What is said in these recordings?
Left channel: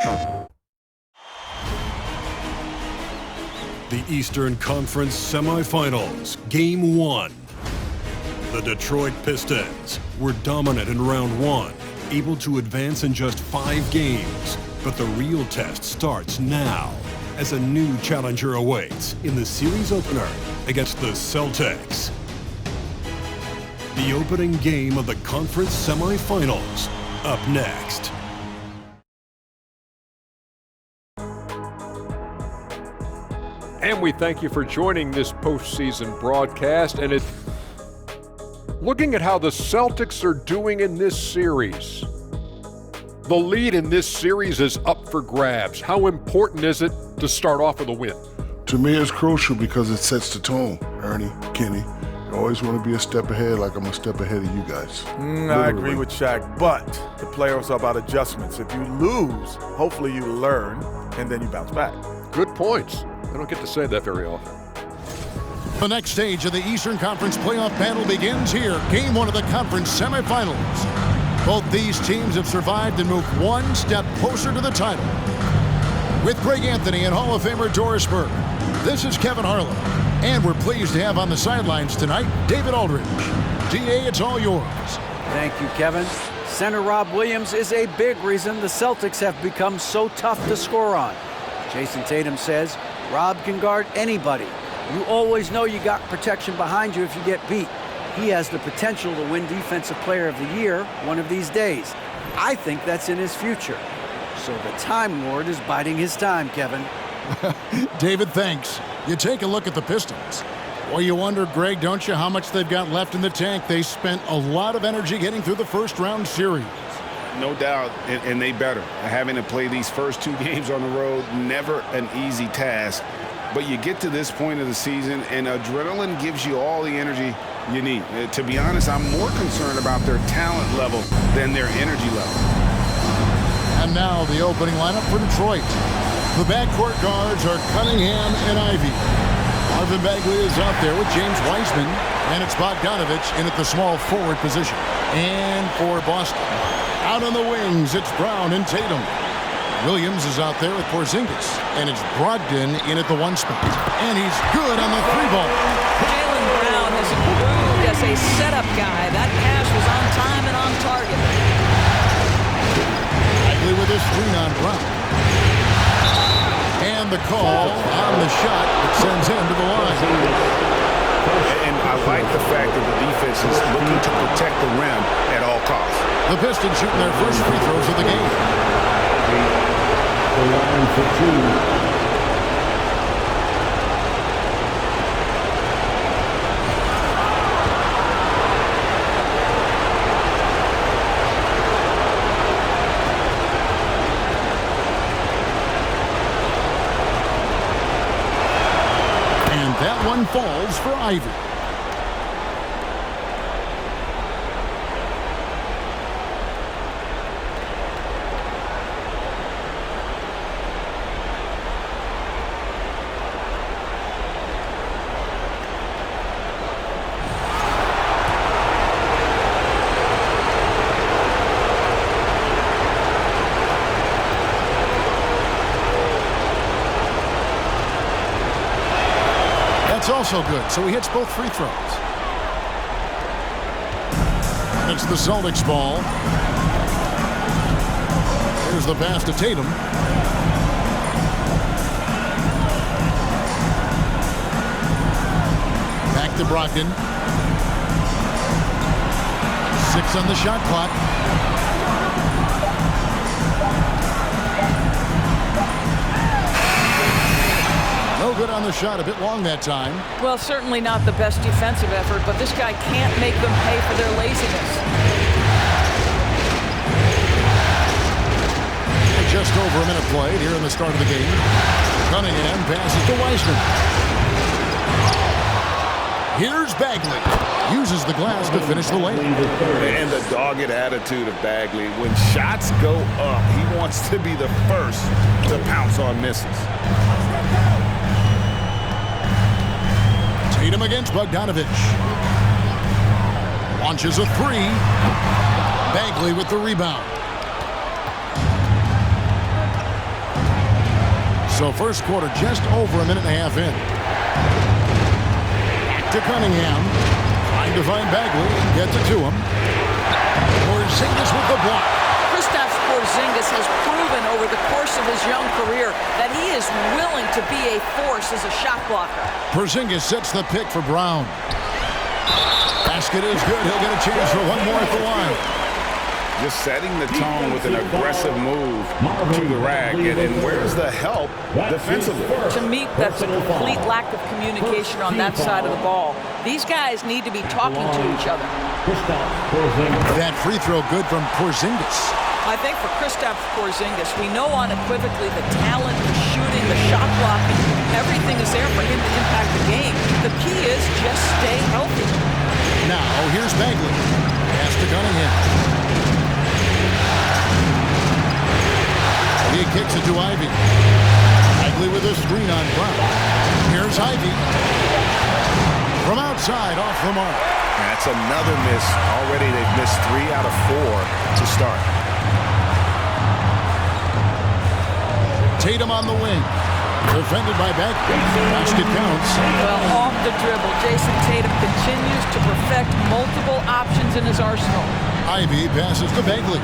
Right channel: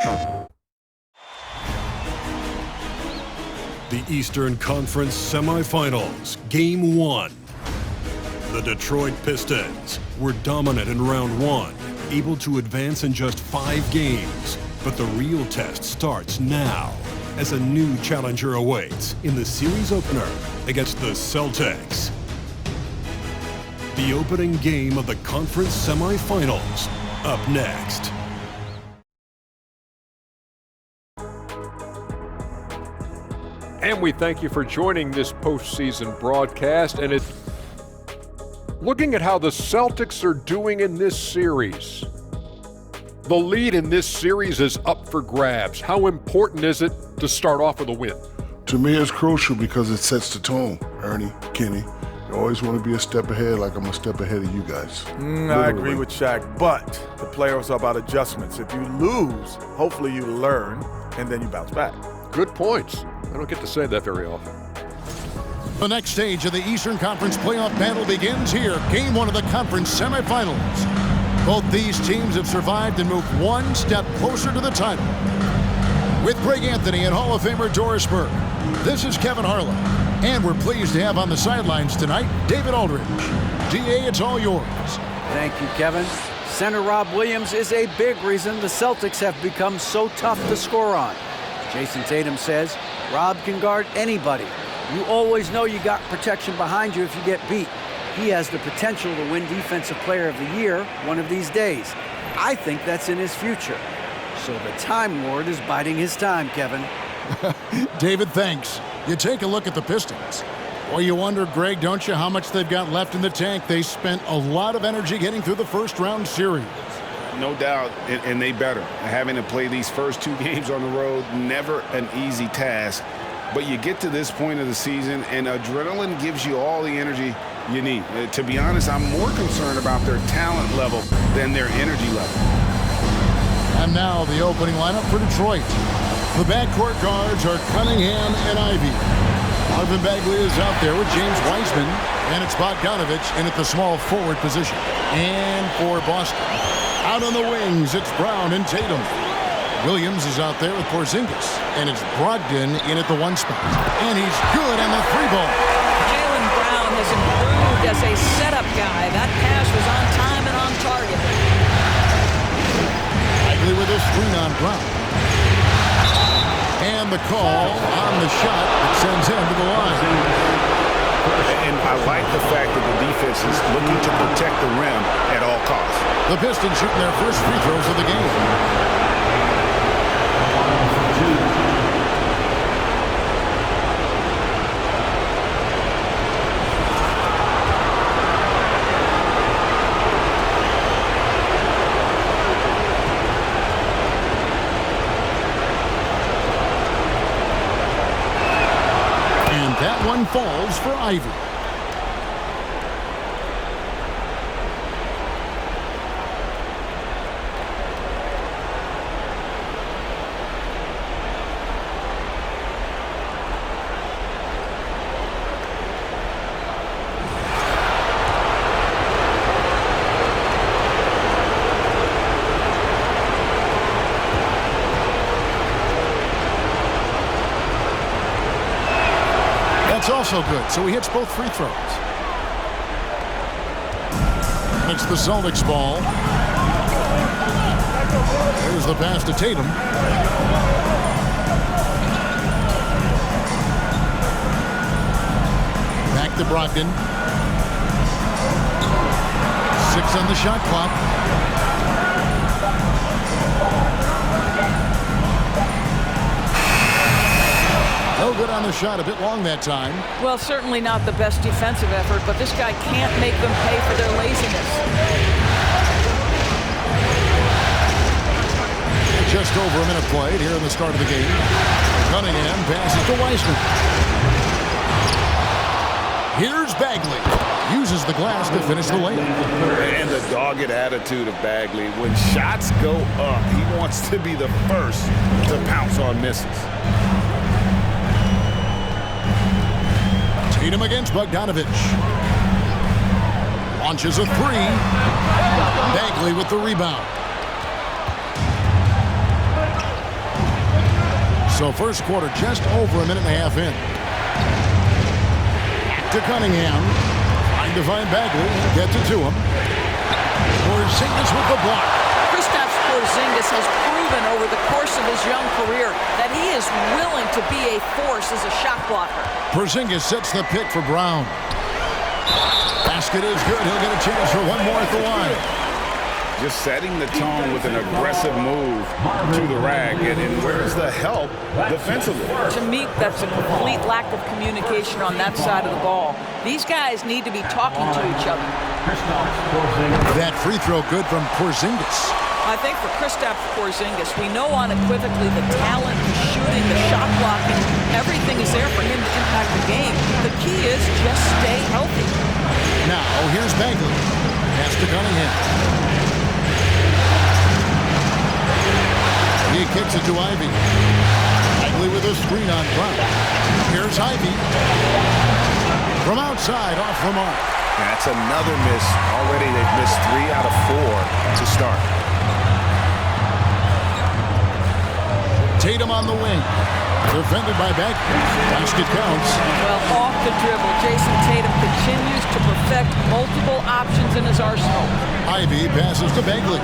The Eastern Conference Semifinals, Game 1. The Detroit Pistons were dominant in round 1, able to advance in just 5 games. But the real test starts now, as a new challenger awaits in the series opener against the Celtics. The opening game of the conference semifinals, up next. And we thank you for joining this postseason broadcast. And looking at how the Celtics are doing in this series. The lead in this series is up for grabs. How important is it to start off with a win? To me, it's crucial because it sets the tone, Ernie, Kenny. You always want to be a step ahead, like I'm a step ahead of you guys. I agree with Shaq, but the playoffs are about adjustments. If you lose, hopefully you learn, and then you bounce back. Good points. I don't get to say that very often. The next stage of the Eastern Conference playoff battle begins here. Game 1 of the conference semifinals. Both these teams have survived and moved one step closer to the title. With Greg Anthony and Hall of Famer Doris Burke, this is Kevin Harlan. And we're pleased to have on the sidelines tonight, David Aldridge. DA, it's all yours. Thank you, Kevin. Center Rob Williams is a big reason the Celtics have become so tough to score on. Jason Tatum says, Rob can guard anybody. You always know you got protection behind you if you get beat. He has the potential to win Defensive Player of the Year one of these days. I think that's in his future. So the Time Lord is biding his time, Kevin. David, thanks. You take a look at the Pistons. Well, you wonder, Greg, don't you, how much they've got left in the tank? They spent a lot of energy getting through the first round series. No doubt, and they better. Having to play these first 2 games on the road, never an easy task. But you get to this point of the season, and adrenaline gives you all the energy you need. To be honest, I'm more concerned about their talent level than their energy level. And now the opening lineup for Detroit. The backcourt guards are Cunningham and Ivy. Marvin Bagley is out there with James Wiseman, and it's Bogdanovich in at the small forward position. And for Boston, out on the wings, it's Brown and Tatum. Williams is out there with Porzingis, and it's Brogdon in at the 1 spot. And he's good on the 3-ball. Jaylen Brown has improved as a setup guy. That pass was on time and on target. Bagley with his screen on Brown. And the call on the shot that sends him to the line. And I like the fact that the defense is looking to protect the rim at all costs. The Pistons shooting their first free throws of the game. And that one falls for Ivy. That's also good, so he hits both free throws. And it's the Celtics ball. Here's the pass to Tatum. Back to Brogdon. 6 on the shot clock. No good on the shot, a bit long that time. Well, certainly not the best defensive effort, but this guy can't make them pay for their laziness. Just over a minute played here in the start of the game. Cunningham passes to Wiseman. Here's Bagley. Uses the glass to finish the layup. And the dogged attitude of Bagley. When shots go up, he wants to be the first to pounce on misses. Tatum against Bogdanovich. Launches a 3. Bagley with the rebound. So first quarter just over a minute and a half in. Back to Cunningham. Trying to find Bagley and gets it to him. Porzingis with the block. Kristaps Porzingis has proven over the course of his young career that he is willing to be a force as a shot blocker. Porzingis sets the pick for Brown. Basket is good. He'll get a chance for one more at the line. Just setting the tone with an aggressive move to the rack. And where's the help defensively? To me, that's a complete lack of communication on that side of the ball. These guys need to be talking to each other. That free throw good from Porzingis. I think for Kristaps Porzingis, we know unequivocally the talent, the shooting, the shot blocking, everything is there for him to impact the game. The key is just stay healthy. Now, here's Bagley. Pass to Cunningham. He kicks it to Ivy. Bagley with a screen on Brown. Here's Ivy. From outside, off the mark. That's another miss. Already they've missed 3 out of 4 to start. Tatum on the wing. Defended by Bagley. Basket counts. Well, off the dribble, Jason Tatum continues to perfect multiple options in his arsenal. Ivy passes to Bagley.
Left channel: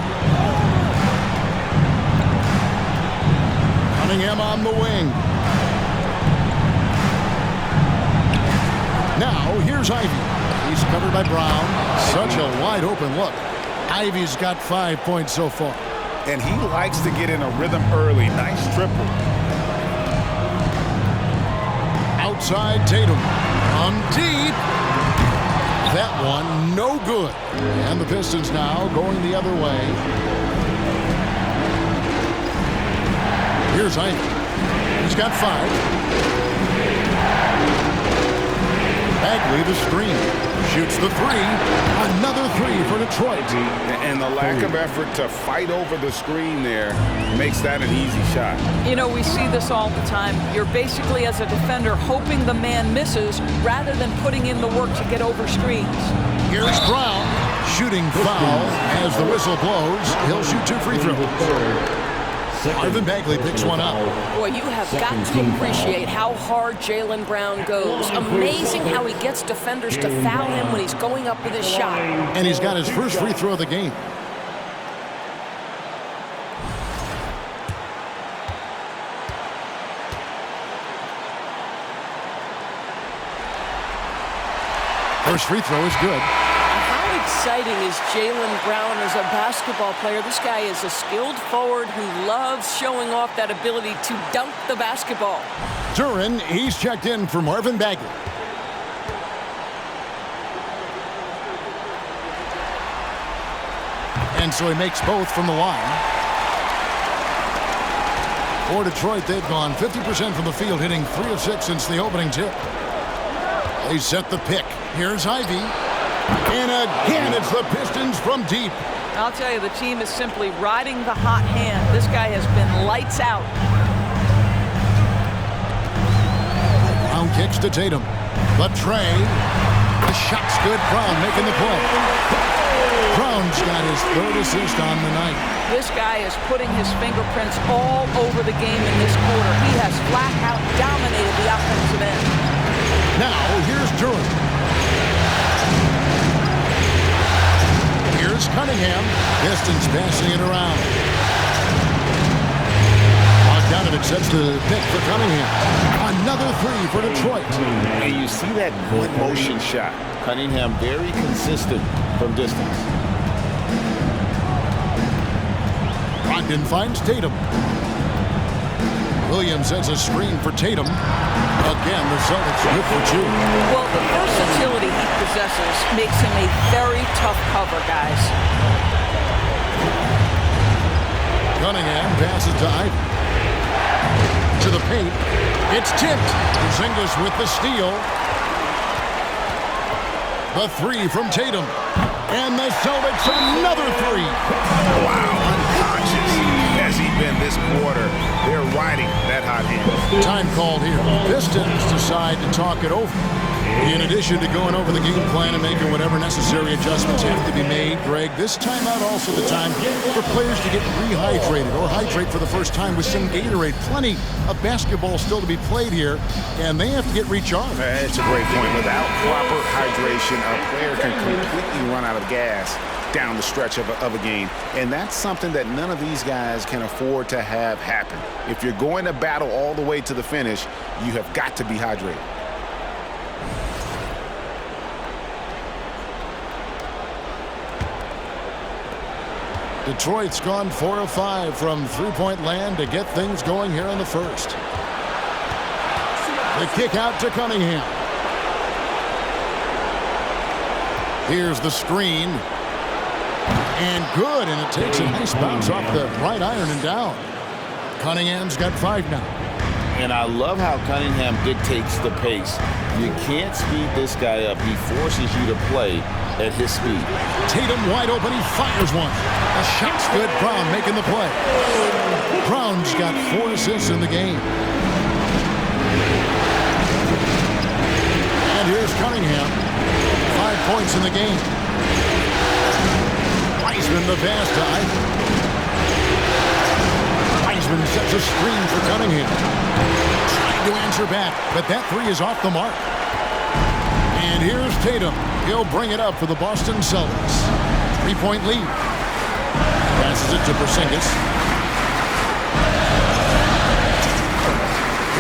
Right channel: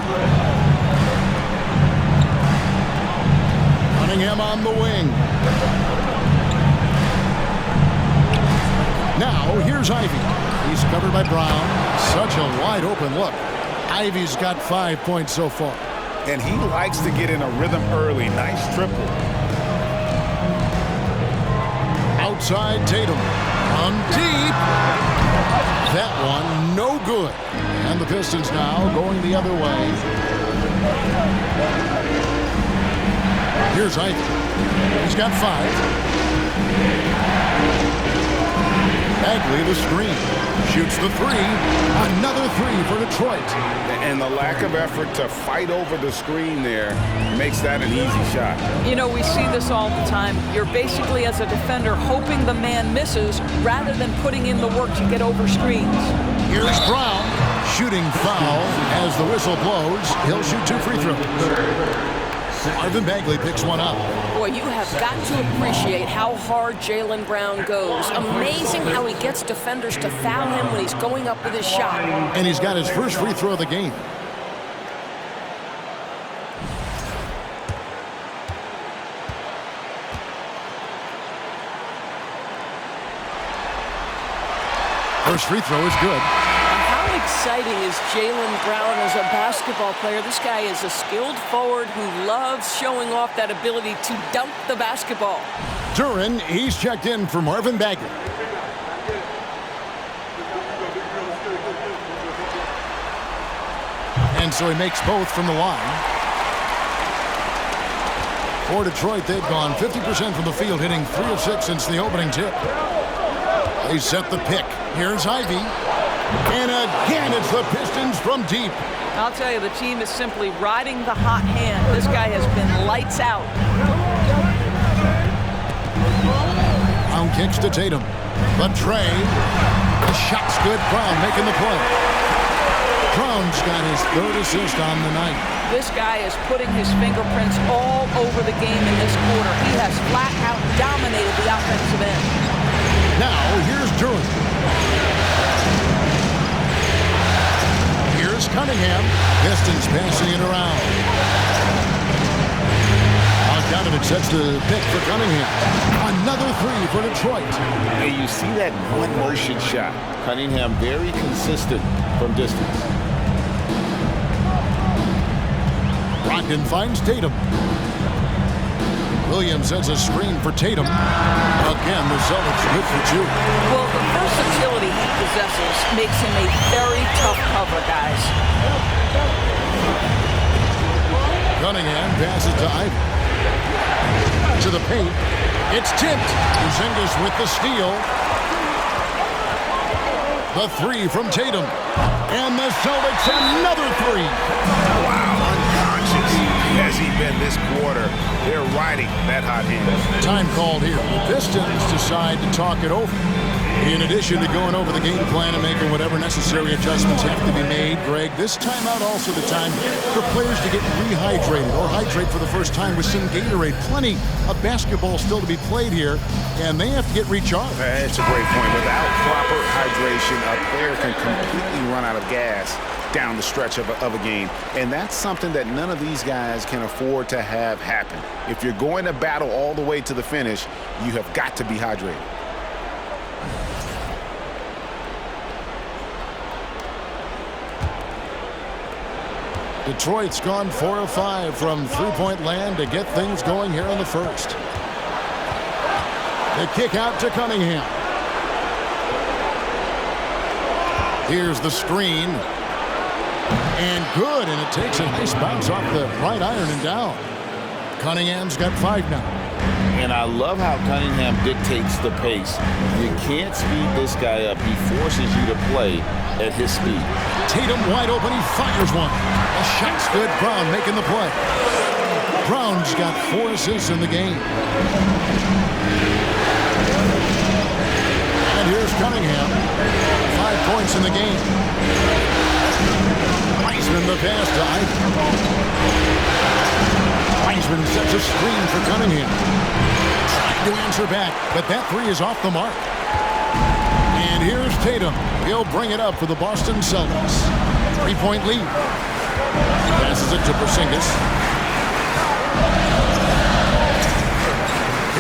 Cunningham on the wing. Now, here's Ivy. He's covered by Brown. Such a wide open look. Ivy's got 5 points so far. And he likes to get in a rhythm early. Nice triple. Outside Tatum. From deep. That one no good. And the Pistons now going the other way. Here's Ivy. He's got 5. Bagley the screen. Shoots the 3. Another 3 for Detroit. And the lack of effort to fight over the screen there makes that an easy shot. You know, we see this all the time. You're basically, as a defender, hoping the man misses rather than putting in the work to get over screens. Here's Brown. Shooting foul as the whistle blows. He'll shoot 2 free throws. Marvin Bagley picks one up. Boy, you have got to appreciate how hard Jaylen Brown goes. Amazing how he gets defenders to foul him when he's going up with his shot. And he's got his first free throw of the game. First free throw is good. How exciting is Jaylen Brown as a basketball player? This guy is a skilled forward who loves showing off that ability to dunk the basketball. Duran, he's checked in for Marvin Bagley. And so he makes both from the line. For Detroit, they've gone 50% from the field, hitting 3 of 6 since the opening tip. They set the pick. Here's Ivy. And again, it's the Pistons from deep. I'll tell you, the team is simply riding the hot hand. This guy has been lights out. Brown kicks to Tatum. The tray. The shot's good. Brown making the play. Brown's got his 3rd assist on the night. This guy is putting his fingerprints all over the game in this quarter. He has flat out dominated the offensive end. Now, here's Duran. Here's Cunningham. Pistons passing it around. Bogdanovich sets the pick for Cunningham. Another 3 for Detroit. And you see that one motion shot. Cunningham very consistent from distance. Brogdon finds Tatum. Williams sets a screen for Tatum. Again, the Celtics good for 2. Well, the versatility he possesses makes him a very tough cover, guys. Cunningham passes to Ivy. To the paint. It's tipped. Porzingis with the steal. The 3 from Tatum. And the Celtics another 3. Wow, unconscious has he been this quarter. They're riding that hot hand. Time called here. The Pistons decide to talk it over. In addition to going over the game plan and making whatever necessary adjustments have to be made, Greg, this timeout also the time for players to get rehydrated or hydrate for the first time with some Gatorade. Plenty of basketball still to be played here, and they have to get recharged. That's a great point. Without proper hydration, a player can completely run out of gas down the stretch of a game. And that's something that none of these guys can afford to have happen. If you're going to battle all the way to the finish, you have got to be hydrated. Detroit's gone 4 of 5 from three-point land to get things going here in the first. The kick out to Cunningham. Here's the screen. And good, and it takes a nice bounce off the right iron and down. Cunningham's got 5 now. And I love how Cunningham dictates the pace. You can't speed this guy up. He forces you to play at his speed. Tatum wide open, he fires one. The shot's good, Brown making the play. Brown's got 4 assists in the game. And here's Cunningham. 5 points in the game. Wiseman the pass to Ivey. Wiseman sets a screen for Cunningham. Trying to answer back, but that 3 is off the mark. And here's Tatum. He'll bring it up for the Boston Celtics. 3-point lead. Passes it to Porzingis.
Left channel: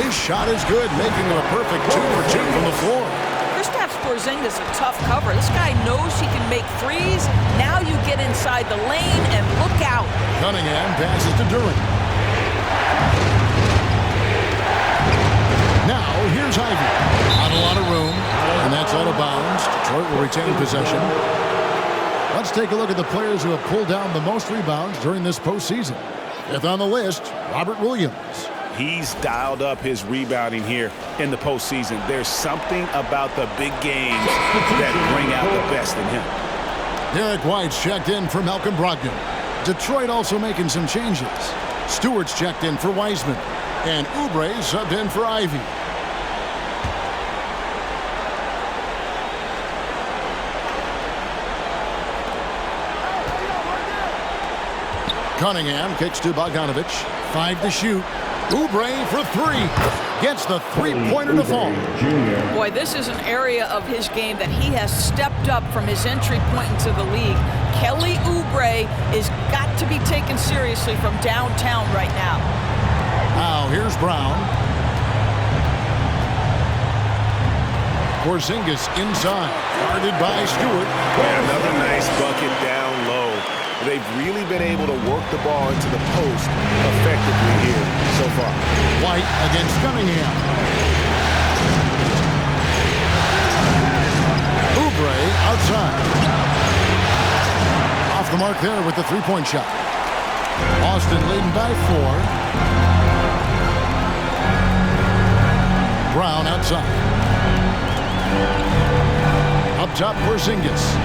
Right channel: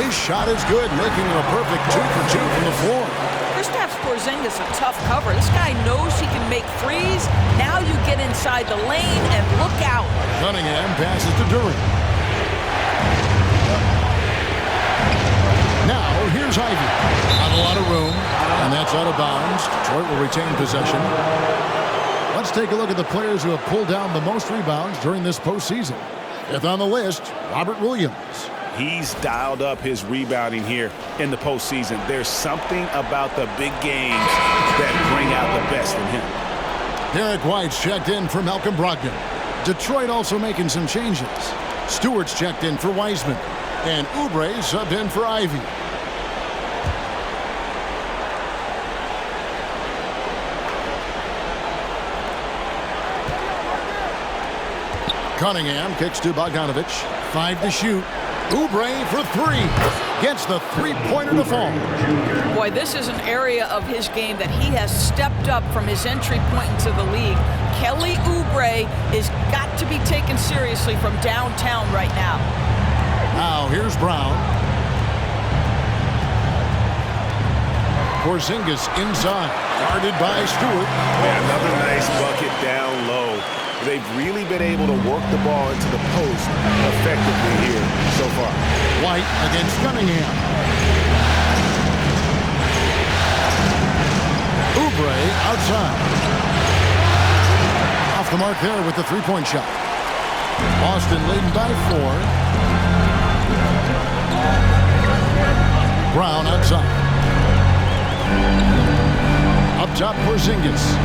His shot is good, making him a perfect 2 for 2 from the floor. Kristaps Porzingis a tough cover. This guy knows he can make threes. Now you get inside the lane and look out. Cunningham passes to Durant. Now here's Ivey. Not a lot of room, and that's out of bounds. Detroit will retain possession. Let's take a look at the players who have pulled down the most rebounds during this postseason. 5th on the list, Robert Williams. He's dialed up his rebounding here in the postseason. There's something about the big games that bring out the best in him. Derek White's checked in for Malcolm Brogdon. Detroit also making some changes. Stewart's checked in for Wiseman. And Oubre subbed in for Ivey. Cunningham kicks to Bogdanovich. 5 to shoot. Oubre for 3. Gets the three-pointer to fall. Boy, this is an area of his game that he has stepped up from his entry point into the league. Kelly Oubre is got to be taken seriously from downtown right now. Now here's Brown. Porzingis inside. Guarded by Stewart. Man, another nice bucket down low. They've really been able to work the ball into the post effectively here so far. White against Cunningham. Oubre outside. Off the mark there with the three-point shot. Boston leading by 4. Brown outside. Up top, Porzingis.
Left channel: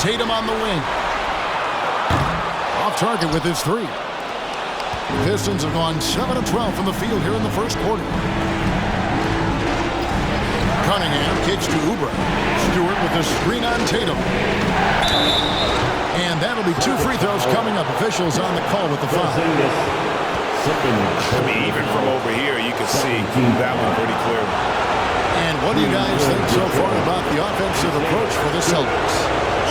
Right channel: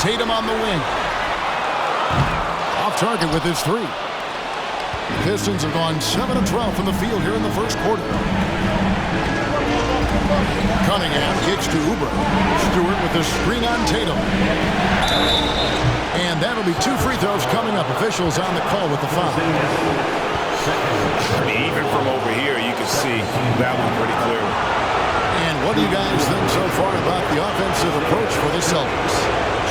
Tatum on the wing. Off target with his 3. The Pistons have gone 7 of 12 from the field here in the first quarter. Cunningham kicks to Oubre. Stewart with the screen on Tatum. And that'll be 2 free throws coming up. Officials on the call with the foul. I mean, even from over here, you can see that one pretty clearly. And what do you guys think so far about the offensive approach for the Celtics?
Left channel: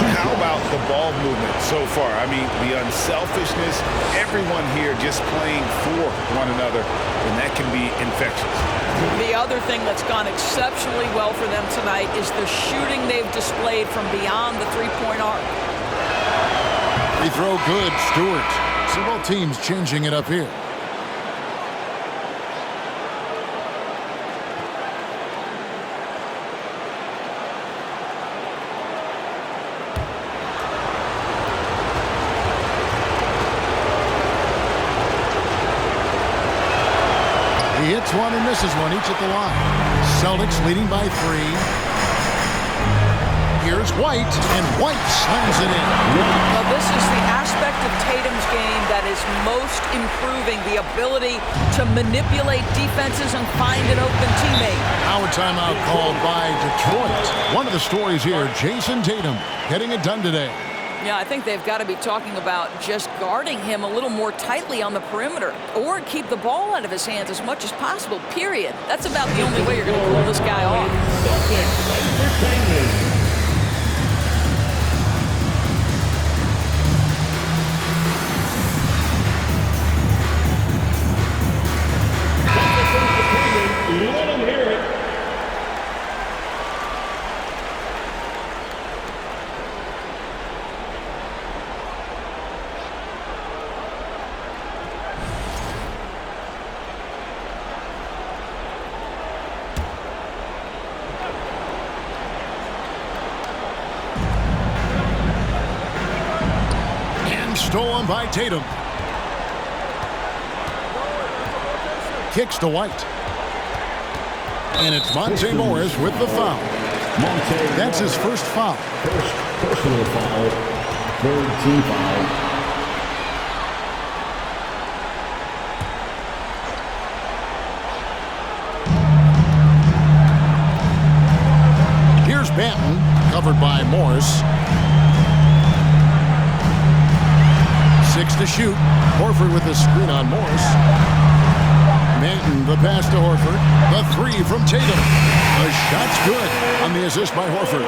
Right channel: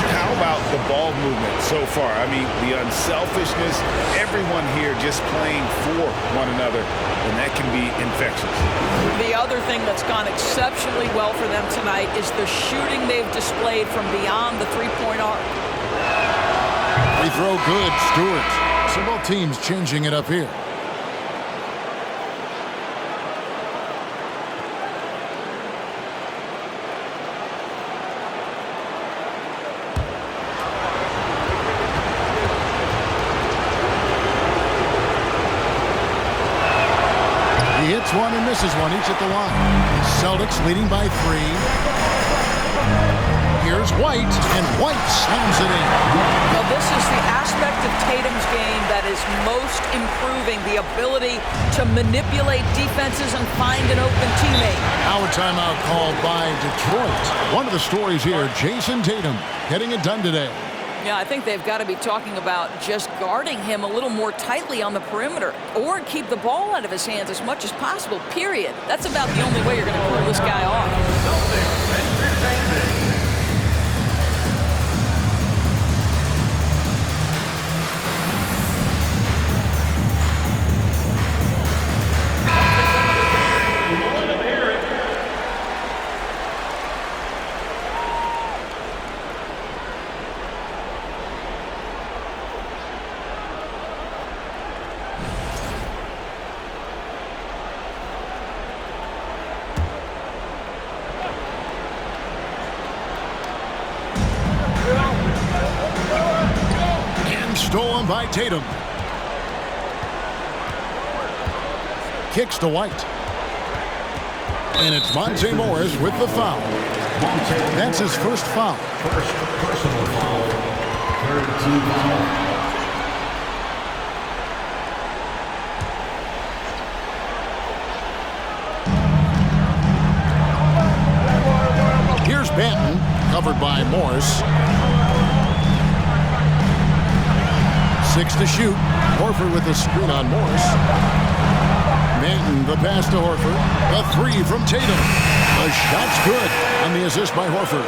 How about the ball movement so far? I mean, the unselfishness, everyone here just playing for one another, and that can be infectious. The other thing that's gone exceptionally well for them tonight is the shooting they've displayed from beyond the three-point arc. Free throw good, Stewart. So both teams changing it up here. He hits one and misses one, each at the line. Celtics leading by 3. Here's White, and White slams it in. Well, this is the aspect of Tatum's game that is most improving, the ability to manipulate defenses and find an open teammate. Now a timeout called by Detroit. One of the stories here, Jason Tatum getting it done today. Yeah, I think they've got to be talking about just guarding him a little more tightly on the perimeter or keep the ball out of his hands as much as possible, period. That's about the only way you're going to cool this guy off. Stolen by Tatum. Kicks to White. And it's Monte Morris with the foul. That's his first foul. First personal foul. Third team foul. Here's Banton, covered by Morris. 6 to shoot. Horford with the screen on Morris. Banton, the pass to Horford. The 3 from Tatum. The shot's good on the assist by Horford.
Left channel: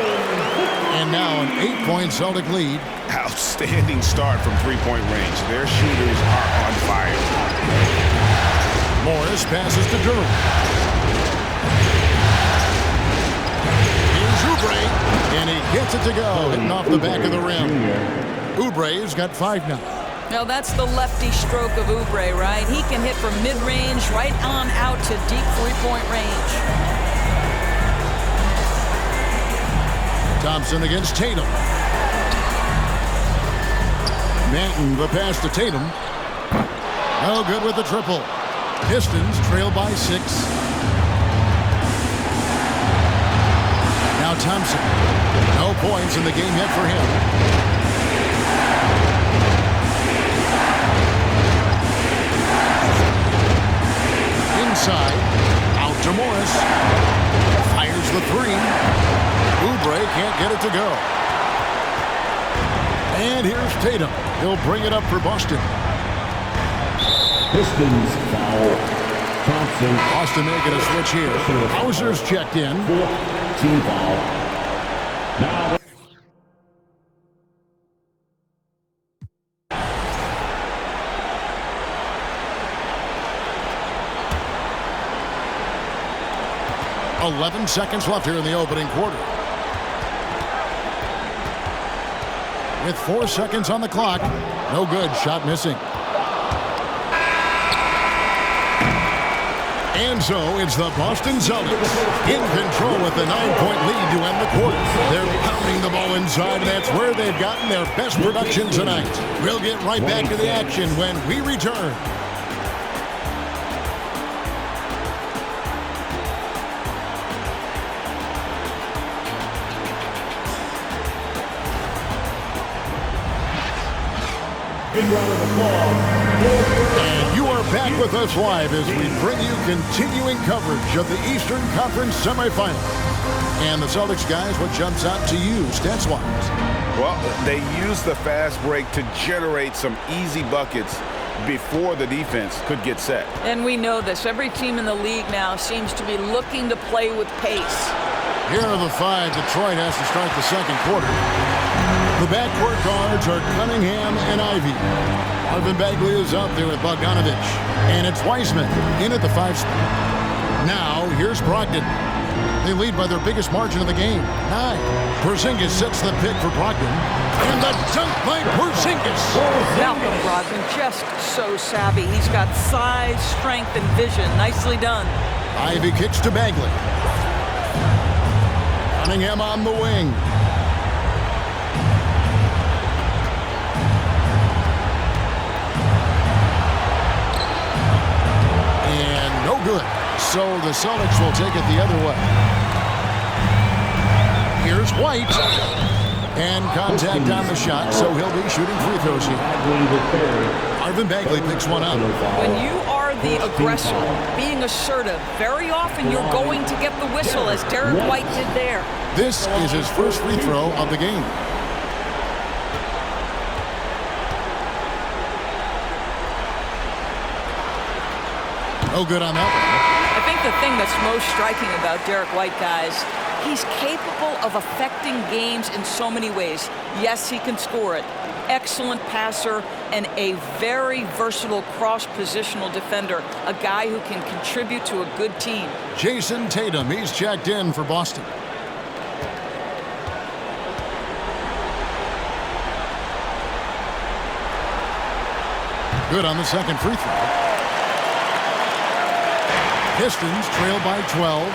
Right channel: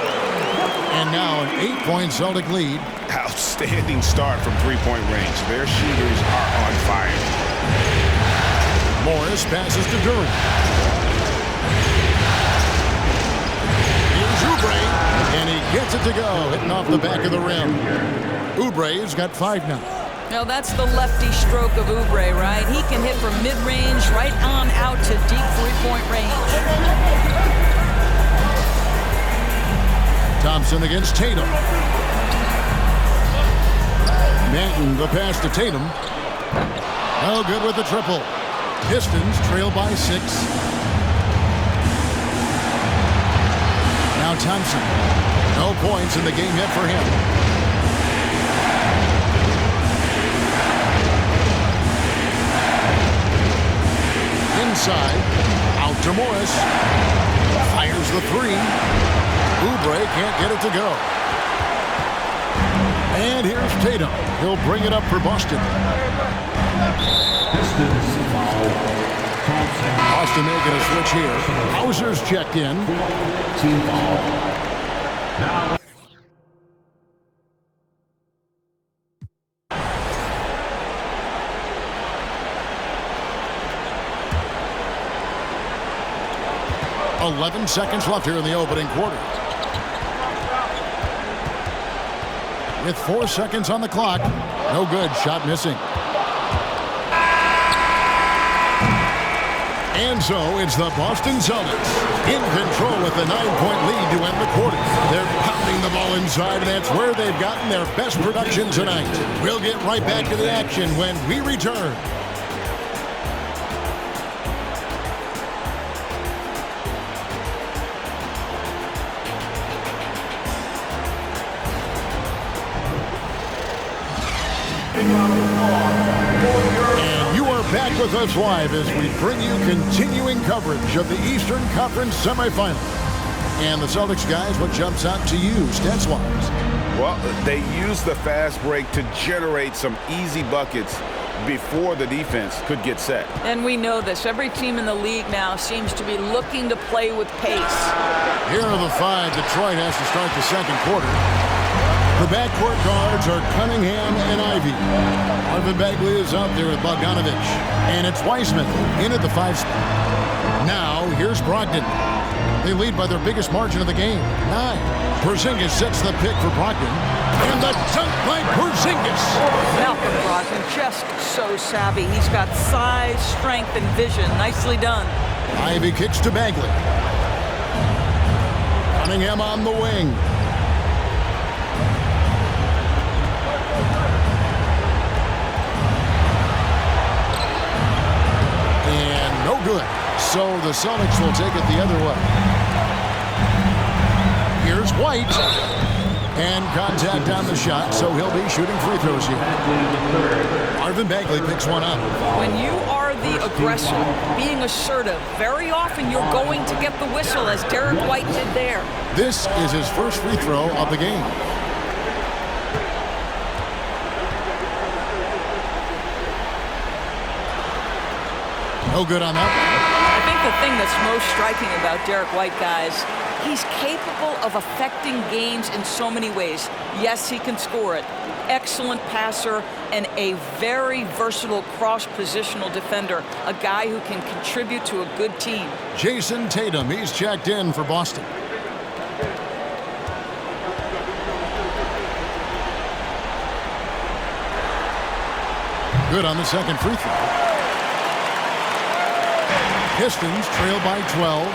And now an 8-point Celtic lead. Outstanding start from three-point range. Their shooters are on fire. Morris passes to Durant. Here's Oubre, and he gets it to go, hitting off the back of the rim. Oubre's got 5 now. Now that's the lefty stroke of Oubre, right? He can hit from mid-range right on out to deep three-point range. Thompson against Tatum. Manton, the pass to Tatum. No good with the triple. Pistons trail by 6. Now Thompson. No points in the game yet for him. Inside, out to Morris. Fires the 3. Oubre can't get it to go. And here's Tatum. He'll bring it up for Boston. Pistons foul. Thompson. Boston making a switch here. Hauser's checked in. Team foul. Now. .11 seconds left here in the opening quarter. With 4 seconds on the clock. No good. Shot missing. And so it's the Boston Celtics in control with the 9-point lead to end the quarter. They're pounding the ball inside, and that's where they've gotten their best production tonight. We'll get right back to the action when we return. And you are back with us live as we bring you continuing coverage of the Eastern Conference semifinals. And the Celtics guys, what jumps out to you, stats-wise? Well, they used the fast break to generate some easy buckets before the defense could get set. And we know this. Every team in the league now seems to be looking to play with pace. Here are the 5 Detroit has to start the second quarter. The backcourt guards are Cunningham and Ivy. Marvin Bagley is out there with Bogdanovich. And it's Wiseman in at the 5 spot. Now, here's Brogdon. They lead by their biggest margin of the game, 9. Porzingis sets the pick for Brogdon. And the dunk by Porzingis. Malcolm Brogdon, just so savvy. He's got size, strength, and vision. Nicely done. Ivy kicks to Bagley. Cunningham on the wing. No good. So the Celtics will take it the other way. Here's White. And contact on the shot, so he'll be shooting free throws here. Marvin Bagley picks one up. When you are the aggressor, being assertive, very often you're going to get the whistle, as Derek White did there. This is his first free throw of the game. No good on that one. I think the thing that's most striking about Derek White, guys, he's capable of affecting games in so many ways. Yes, he can score it. Excellent passer and a very versatile cross-positional defender, a guy who can contribute to a good team. Jason Tatum, he's checked in for Boston. Good on the second free throw. Pistons trail by 12.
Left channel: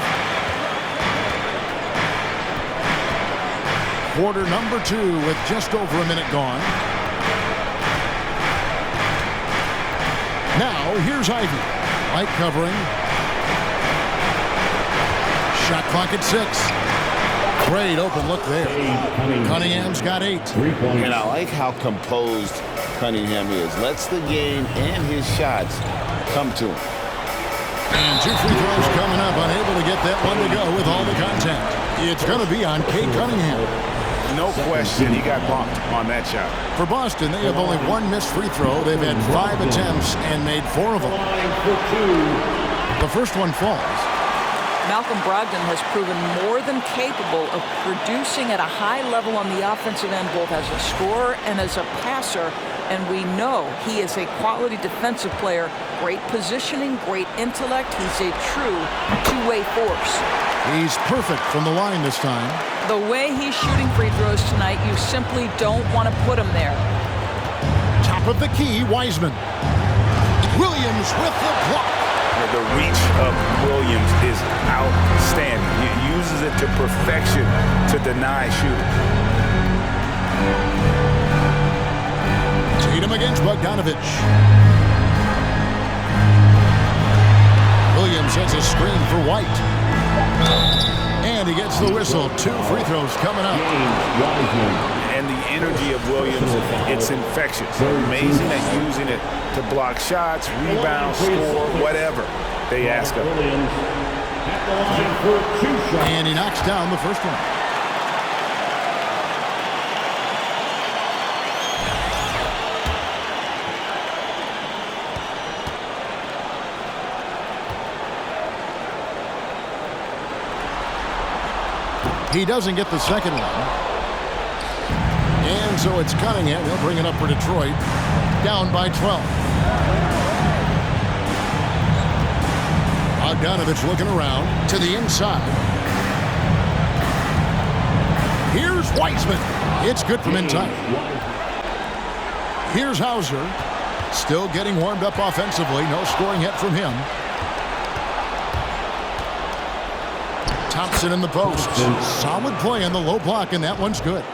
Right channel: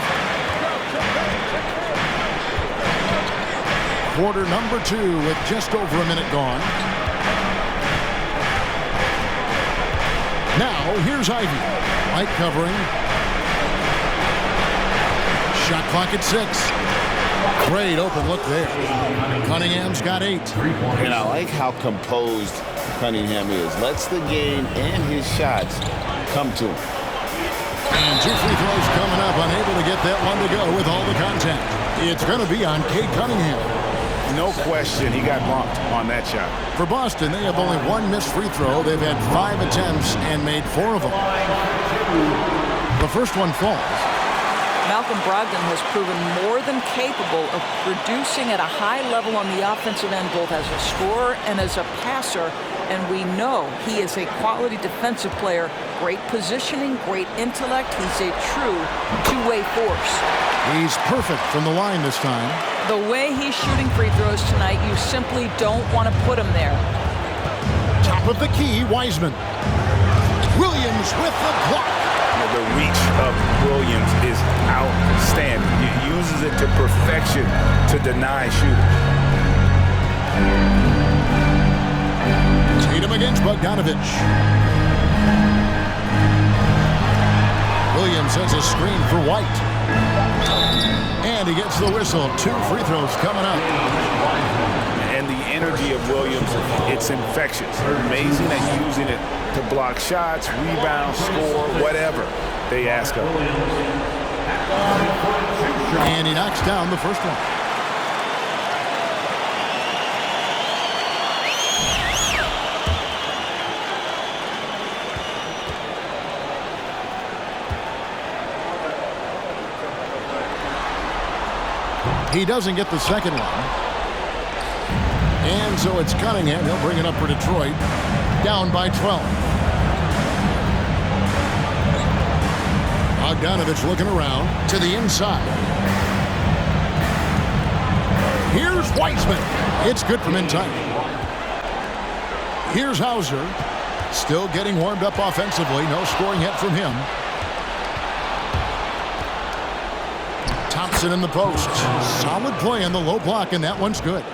Quarter number 2 with just over a minute gone. Now, here's Ivy. White covering. Shot clock at 6. Great open look there. Cunningham's got 8. And I like how composed Cunningham is. Lets the game and his shots come to him. And 2 free throws coming up. Unable to get that one to go with all the contact. It's going to be on Cade Cunningham. No question, he got bumped on that shot. For Boston, they have only 1 missed free throw. They've had 5 attempts and made 4 of them. The first one falls. Malcolm Brogdon has proven more than capable of producing at a high level on the offensive end, both as a scorer and as a passer. And we know he is a quality defensive player. Great positioning, great intellect. He's a true two-way force. He's perfect from the line this time. The way he's shooting free throws tonight, you simply don't want to put him there. Top of the key, Wiseman. Williams with the block. The reach of Williams is outstanding. He uses it to perfection to deny shooters. Tatum against Bogdanovich. Williams has a screen for White. And he gets the whistle. 2 free throws coming up. And the energy of Williams, it's infectious. They're amazing at using it to block shots, rebound, score, whatever they ask of him. And he knocks down the first one. He doesn't get the second one. And so it's Cunningham. He'll bring it up for Detroit. Down by 12. Bogdanovich looking around to the inside. Here's Wiseman. It's good from in time. Here's Hauser. Still getting warmed up offensively. No scoring yet from him. Thompson in the post. Solid play on the low block, and that one's good.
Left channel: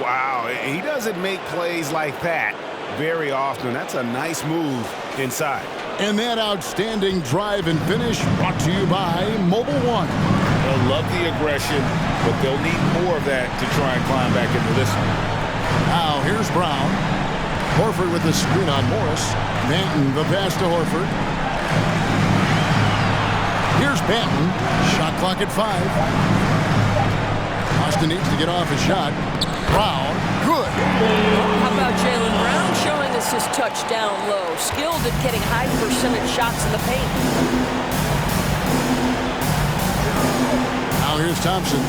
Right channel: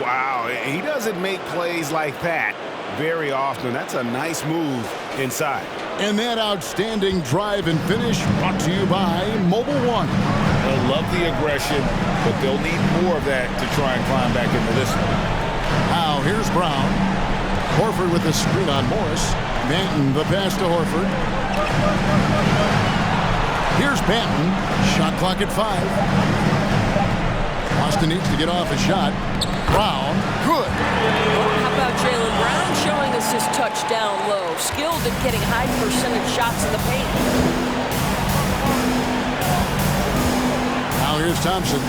Wow, he doesn't make plays like that very often. That's a nice move inside. And that outstanding drive and finish brought to you by Mobile One. They'll love the aggression, but they'll need more of that to try and climb back into this one. Now here's Brown. Horford with the screen on Morris. Banton the pass to Horford. Here's Banton. Shot clock at 5. Boston needs to get off a shot. Brown, good. Well, how about Jaylen Brown showing us his touch down low? Skilled at getting high percentage shots in the paint. Now here's Thompson.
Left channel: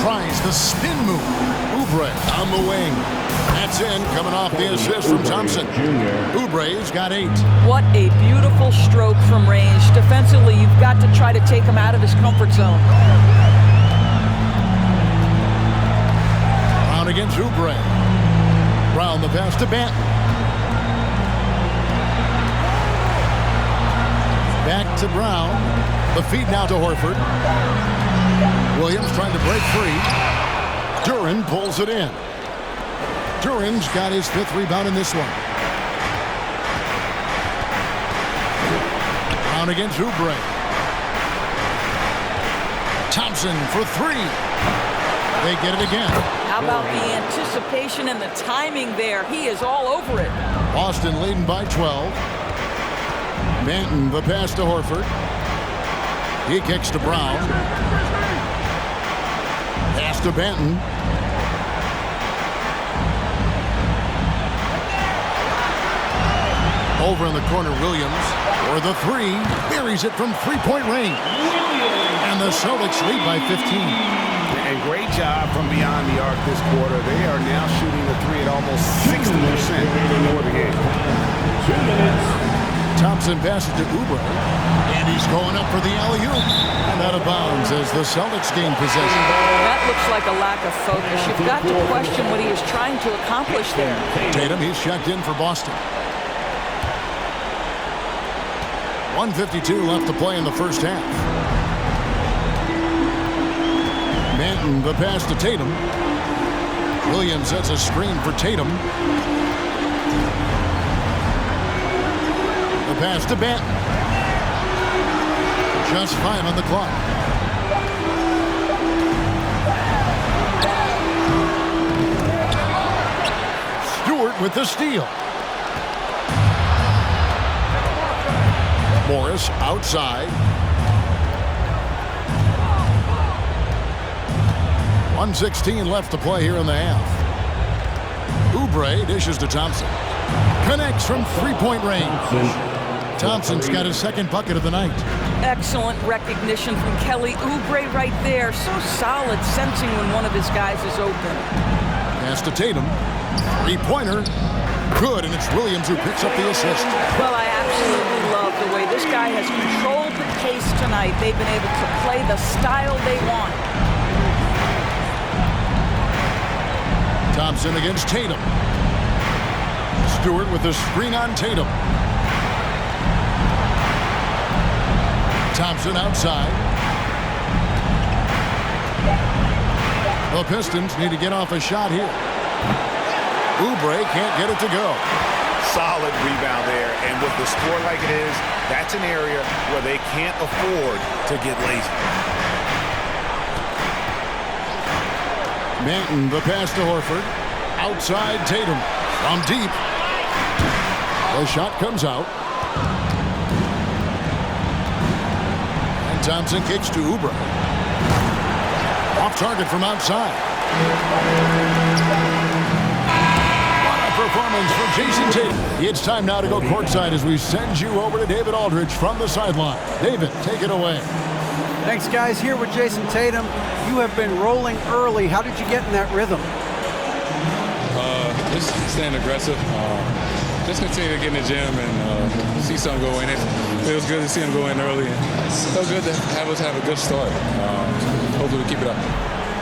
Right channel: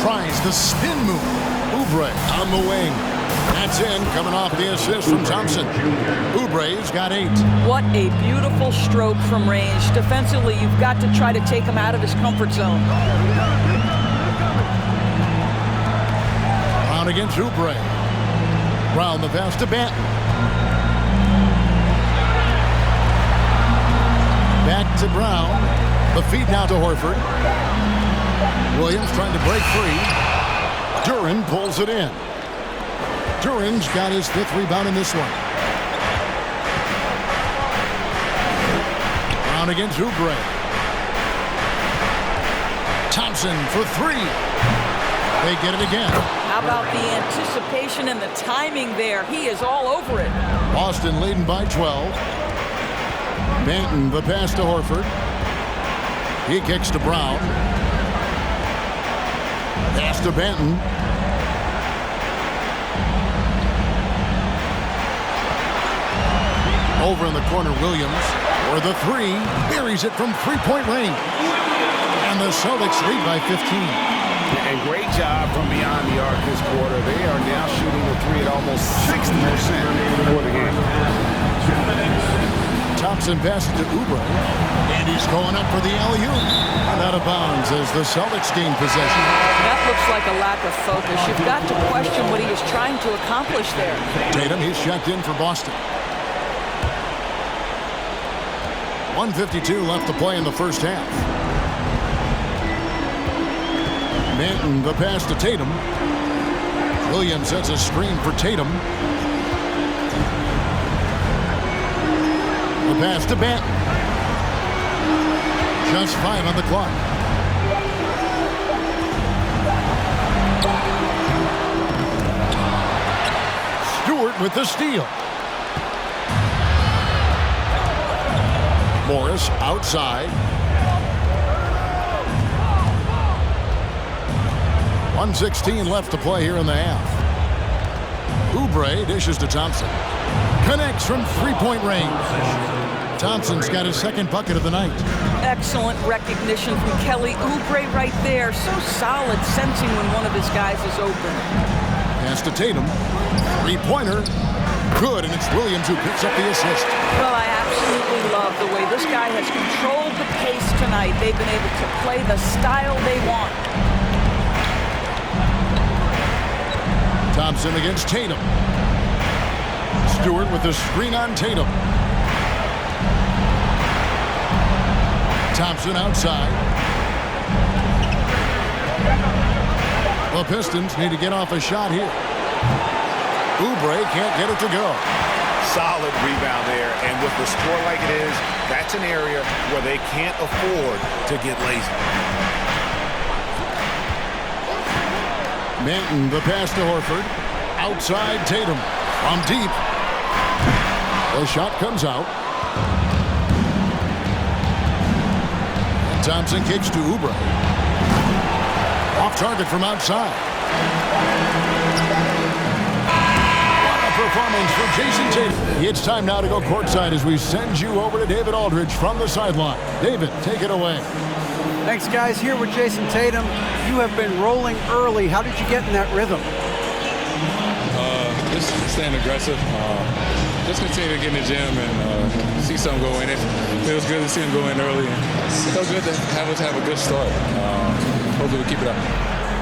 Tries the spin move. Oubre on the wing. That's in, coming off the assist from Thompson. Oubre's got 8. What a beautiful stroke from range. Defensively, you've got to try to take him out of his comfort zone. Brown against Oubre. Brown the pass to Banton. Back to Brown. The feed now to Horford. Williams trying to break free. Duren pulls it in. Duren's got his 5th rebound in this one. Brown against Oubre. Thompson for three. They get it again. How about the anticipation and the timing there? He is all over it. Boston leading by 12. Banton, the pass to Horford. He kicks to Brown. Pass to Banton. Over in the corner, Williams for the three. Buries it from three-point range. And the Celtics lead by 15. And great job from beyond the arc this quarter. They are now shooting the three at almost 60% for the game. Thompson passes to Oubre. And he's going up for the alley-oop. And out of bounds as the Celtics gain possession. That looks like a lack of focus. You've got to question what he is trying to accomplish there. Tatum, he's checked in for Boston. 1:52 left to play in the first half. Banton, the pass to Tatum. Williams sets a screen for Tatum. The pass to Banton. Just 5 on the clock. Stewart with the steal. Morris outside. 1:16 left to play here in the half. Oubre dishes to Thompson. Connects from three-point range. Thompson's got his second bucket of the night. Excellent recognition from Kelly Oubre right there. So solid, sensing when one of his guys is open. Pass to Tatum. Three-pointer. Good, and it's Williams who picks up the assist. Well, I absolutely love the way this guy has controlled the pace tonight. They've been able to play the style they want. Thompson against Tatum. Stewart with the screen on Tatum. Thompson outside. The Pistons need to get off a shot here. Oubre can't get it to go. Solid rebound there, and with the score like it is, that's an area where they can't afford to get lazy. Banton, the pass to Horford. Outside Tatum. From deep. The shot comes out. And Thompson kicks to Oubre. Off target from outside. What a performance for Jason Tatum. It's time now to go courtside as we send you over to David Aldridge from the sideline. David, take it away. Thanks, guys. Here with Jason Tatum. You have been rolling early. How did you get in that rhythm? Just staying aggressive. Just continue to get in the gym and see something go in. It feels good to see him go in early. And it's so good to have us have a good start. Hopefully we keep it up.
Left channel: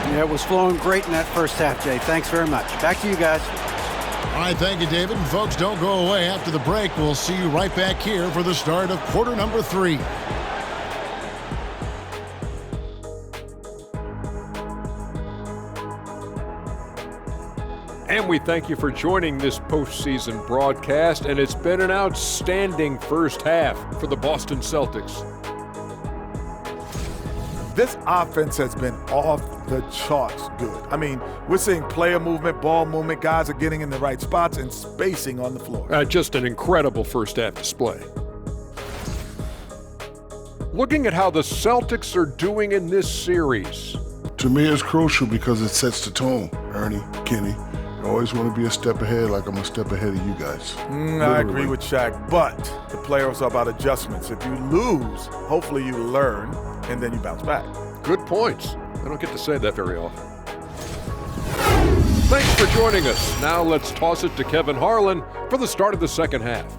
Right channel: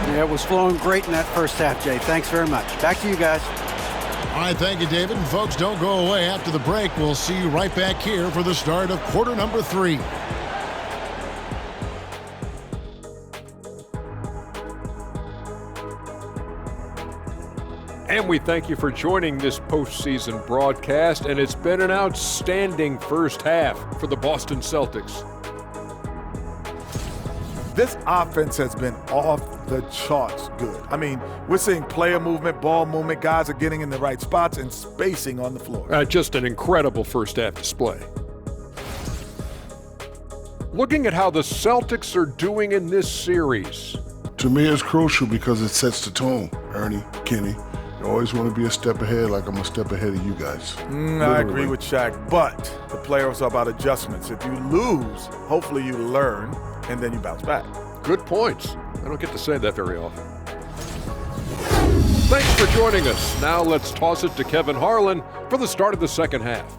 Yeah, it was flowing great in that first half, Jay. Thanks very much. Back to you guys. All right, thank you, David. And folks, don't go away. After the break, we'll see you right back here for the start of quarter number 3. And we thank you for joining this postseason broadcast, and it's been an outstanding first half for the Boston Celtics. This offense has been off the charts good. I mean, we're seeing player movement, ball movement, guys are getting in the right spots and spacing on the floor. Just an incredible first half display. Looking at how the Celtics are doing in this series. To me, it's crucial because it sets the tone, Ernie, Kenny. You always want to be a step ahead, like I'm a step ahead of you guys. I agree with Shaq, but the playoffs are about adjustments. If you lose, hopefully you learn, and then you bounce back. Good points. I don't get to say that very often. Thanks for joining us. Now let's toss it to Kevin Harlan for the start of the second half.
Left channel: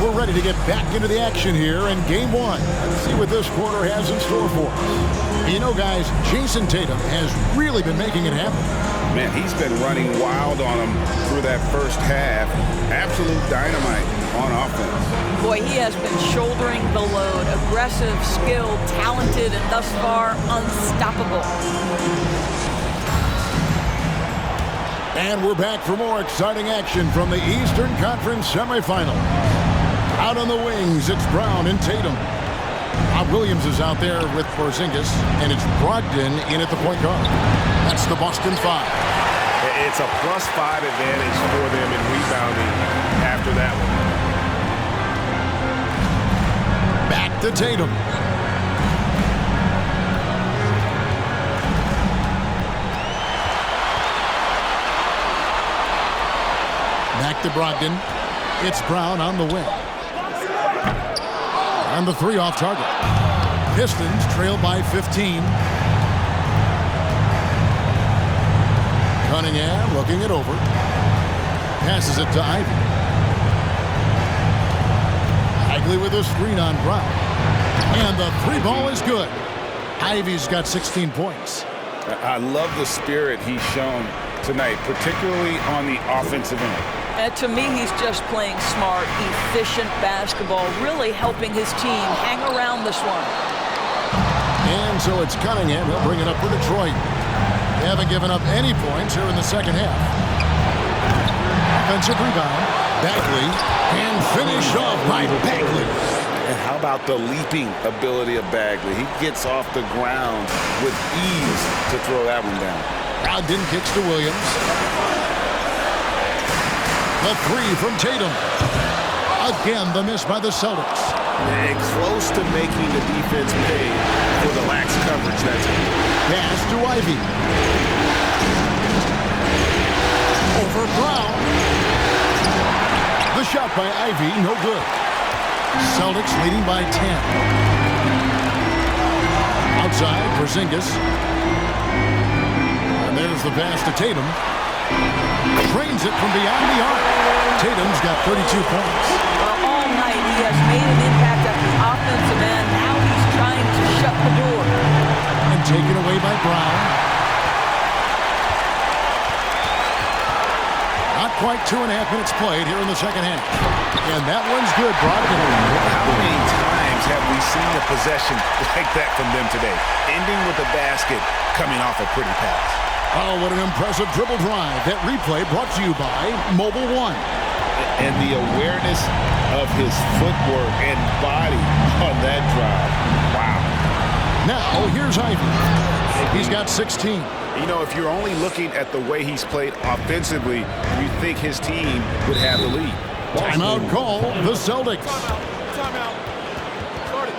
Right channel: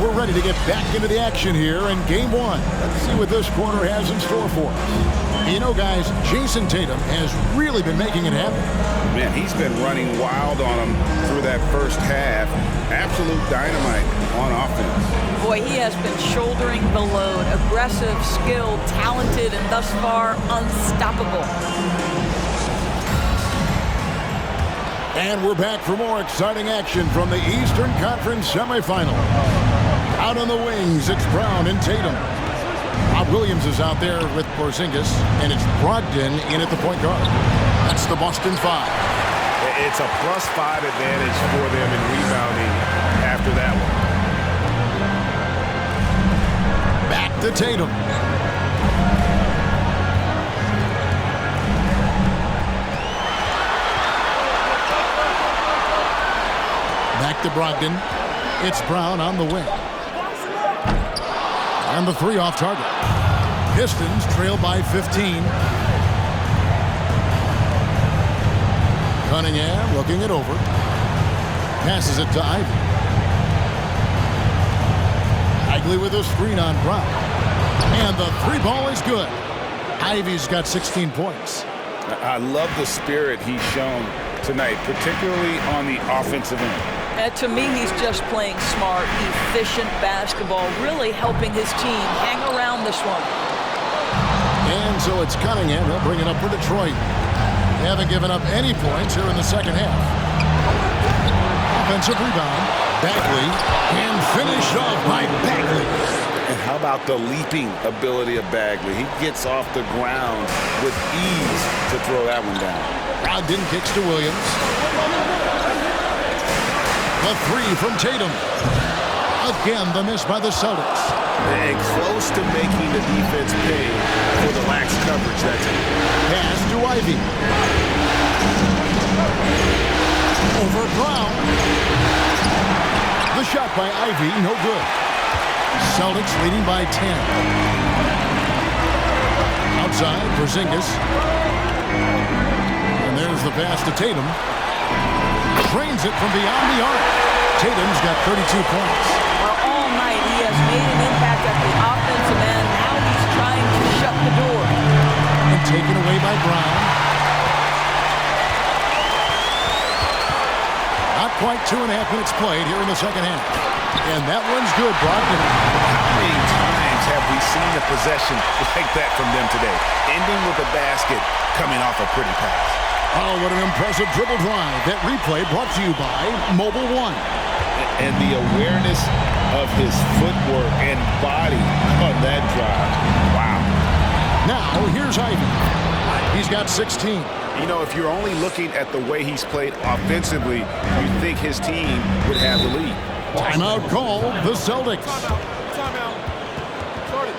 We're ready to get back into the action here in Game 1. Let's see what this quarter has in store for us. You know, guys, Jason Tatum has really been making it happen. Man, he's been running wild on him through that first half. Absolute dynamite on offense. Boy, he has been shouldering the load. Aggressive, skilled, talented, and thus far unstoppable. And we're back for more exciting action from the Eastern Conference semifinal. Out on the wings, it's Brown and Tatum. Rob Williams is out there with Porzingis, and it's Brogdon in at the point guard. That's the Boston 5. It's a +5 advantage for them in rebounding after that one. Back to Tatum. Back to Brogdon. It's Brown on the wing. And the 3 off target. Pistons trail by 15. Cunningham looking it over. Passes it to Ivy. Bagley with a screen on Brown. And the 3 ball is good. Ivy's got 16 points. I love the spirit he's shown tonight, particularly on the offensive end. To me, he's just playing smart, efficient basketball, really helping his team hang around this one. And so it's Cunningham. He'll bring it up for Detroit. They haven't given up any points here in the second half. Offensive rebound. Bagley. And finished off by Bagley. And how about the leaping ability of Bagley? He gets off the ground with ease to throw that one down. Brogdon kicks to Williams. The 3 from Tatum. Again, the miss by the Celtics. And close to making the defense pay for the lax coverage that time. Pass to Ivy. Over Brown. The shot by Ivy, no good. Celtics leading by 10. Outside, Porzingis. And there's the pass to Tatum. Drains it from beyond the arc. Tatum's got 32 points. Well, all night he has made an impact at the offensive end. Now he's trying to shut the door. And taken away by Brown. Not quite 2.5 minutes played here in the second half. And that one's good, Brogdon. How many times have we seen a possession like that from them today? Ending with a basket, coming off a pretty pass. Oh, what an impressive dribble drive. That replay brought to you by Mobile One. And the awareness of his footwork and body on that drive. Wow. Now, here's Ivy. He's got 16. You know, if you're only looking at the way he's played offensively, you'd think his team would have the lead. Timeout called the Celtics. Timeout. Start it.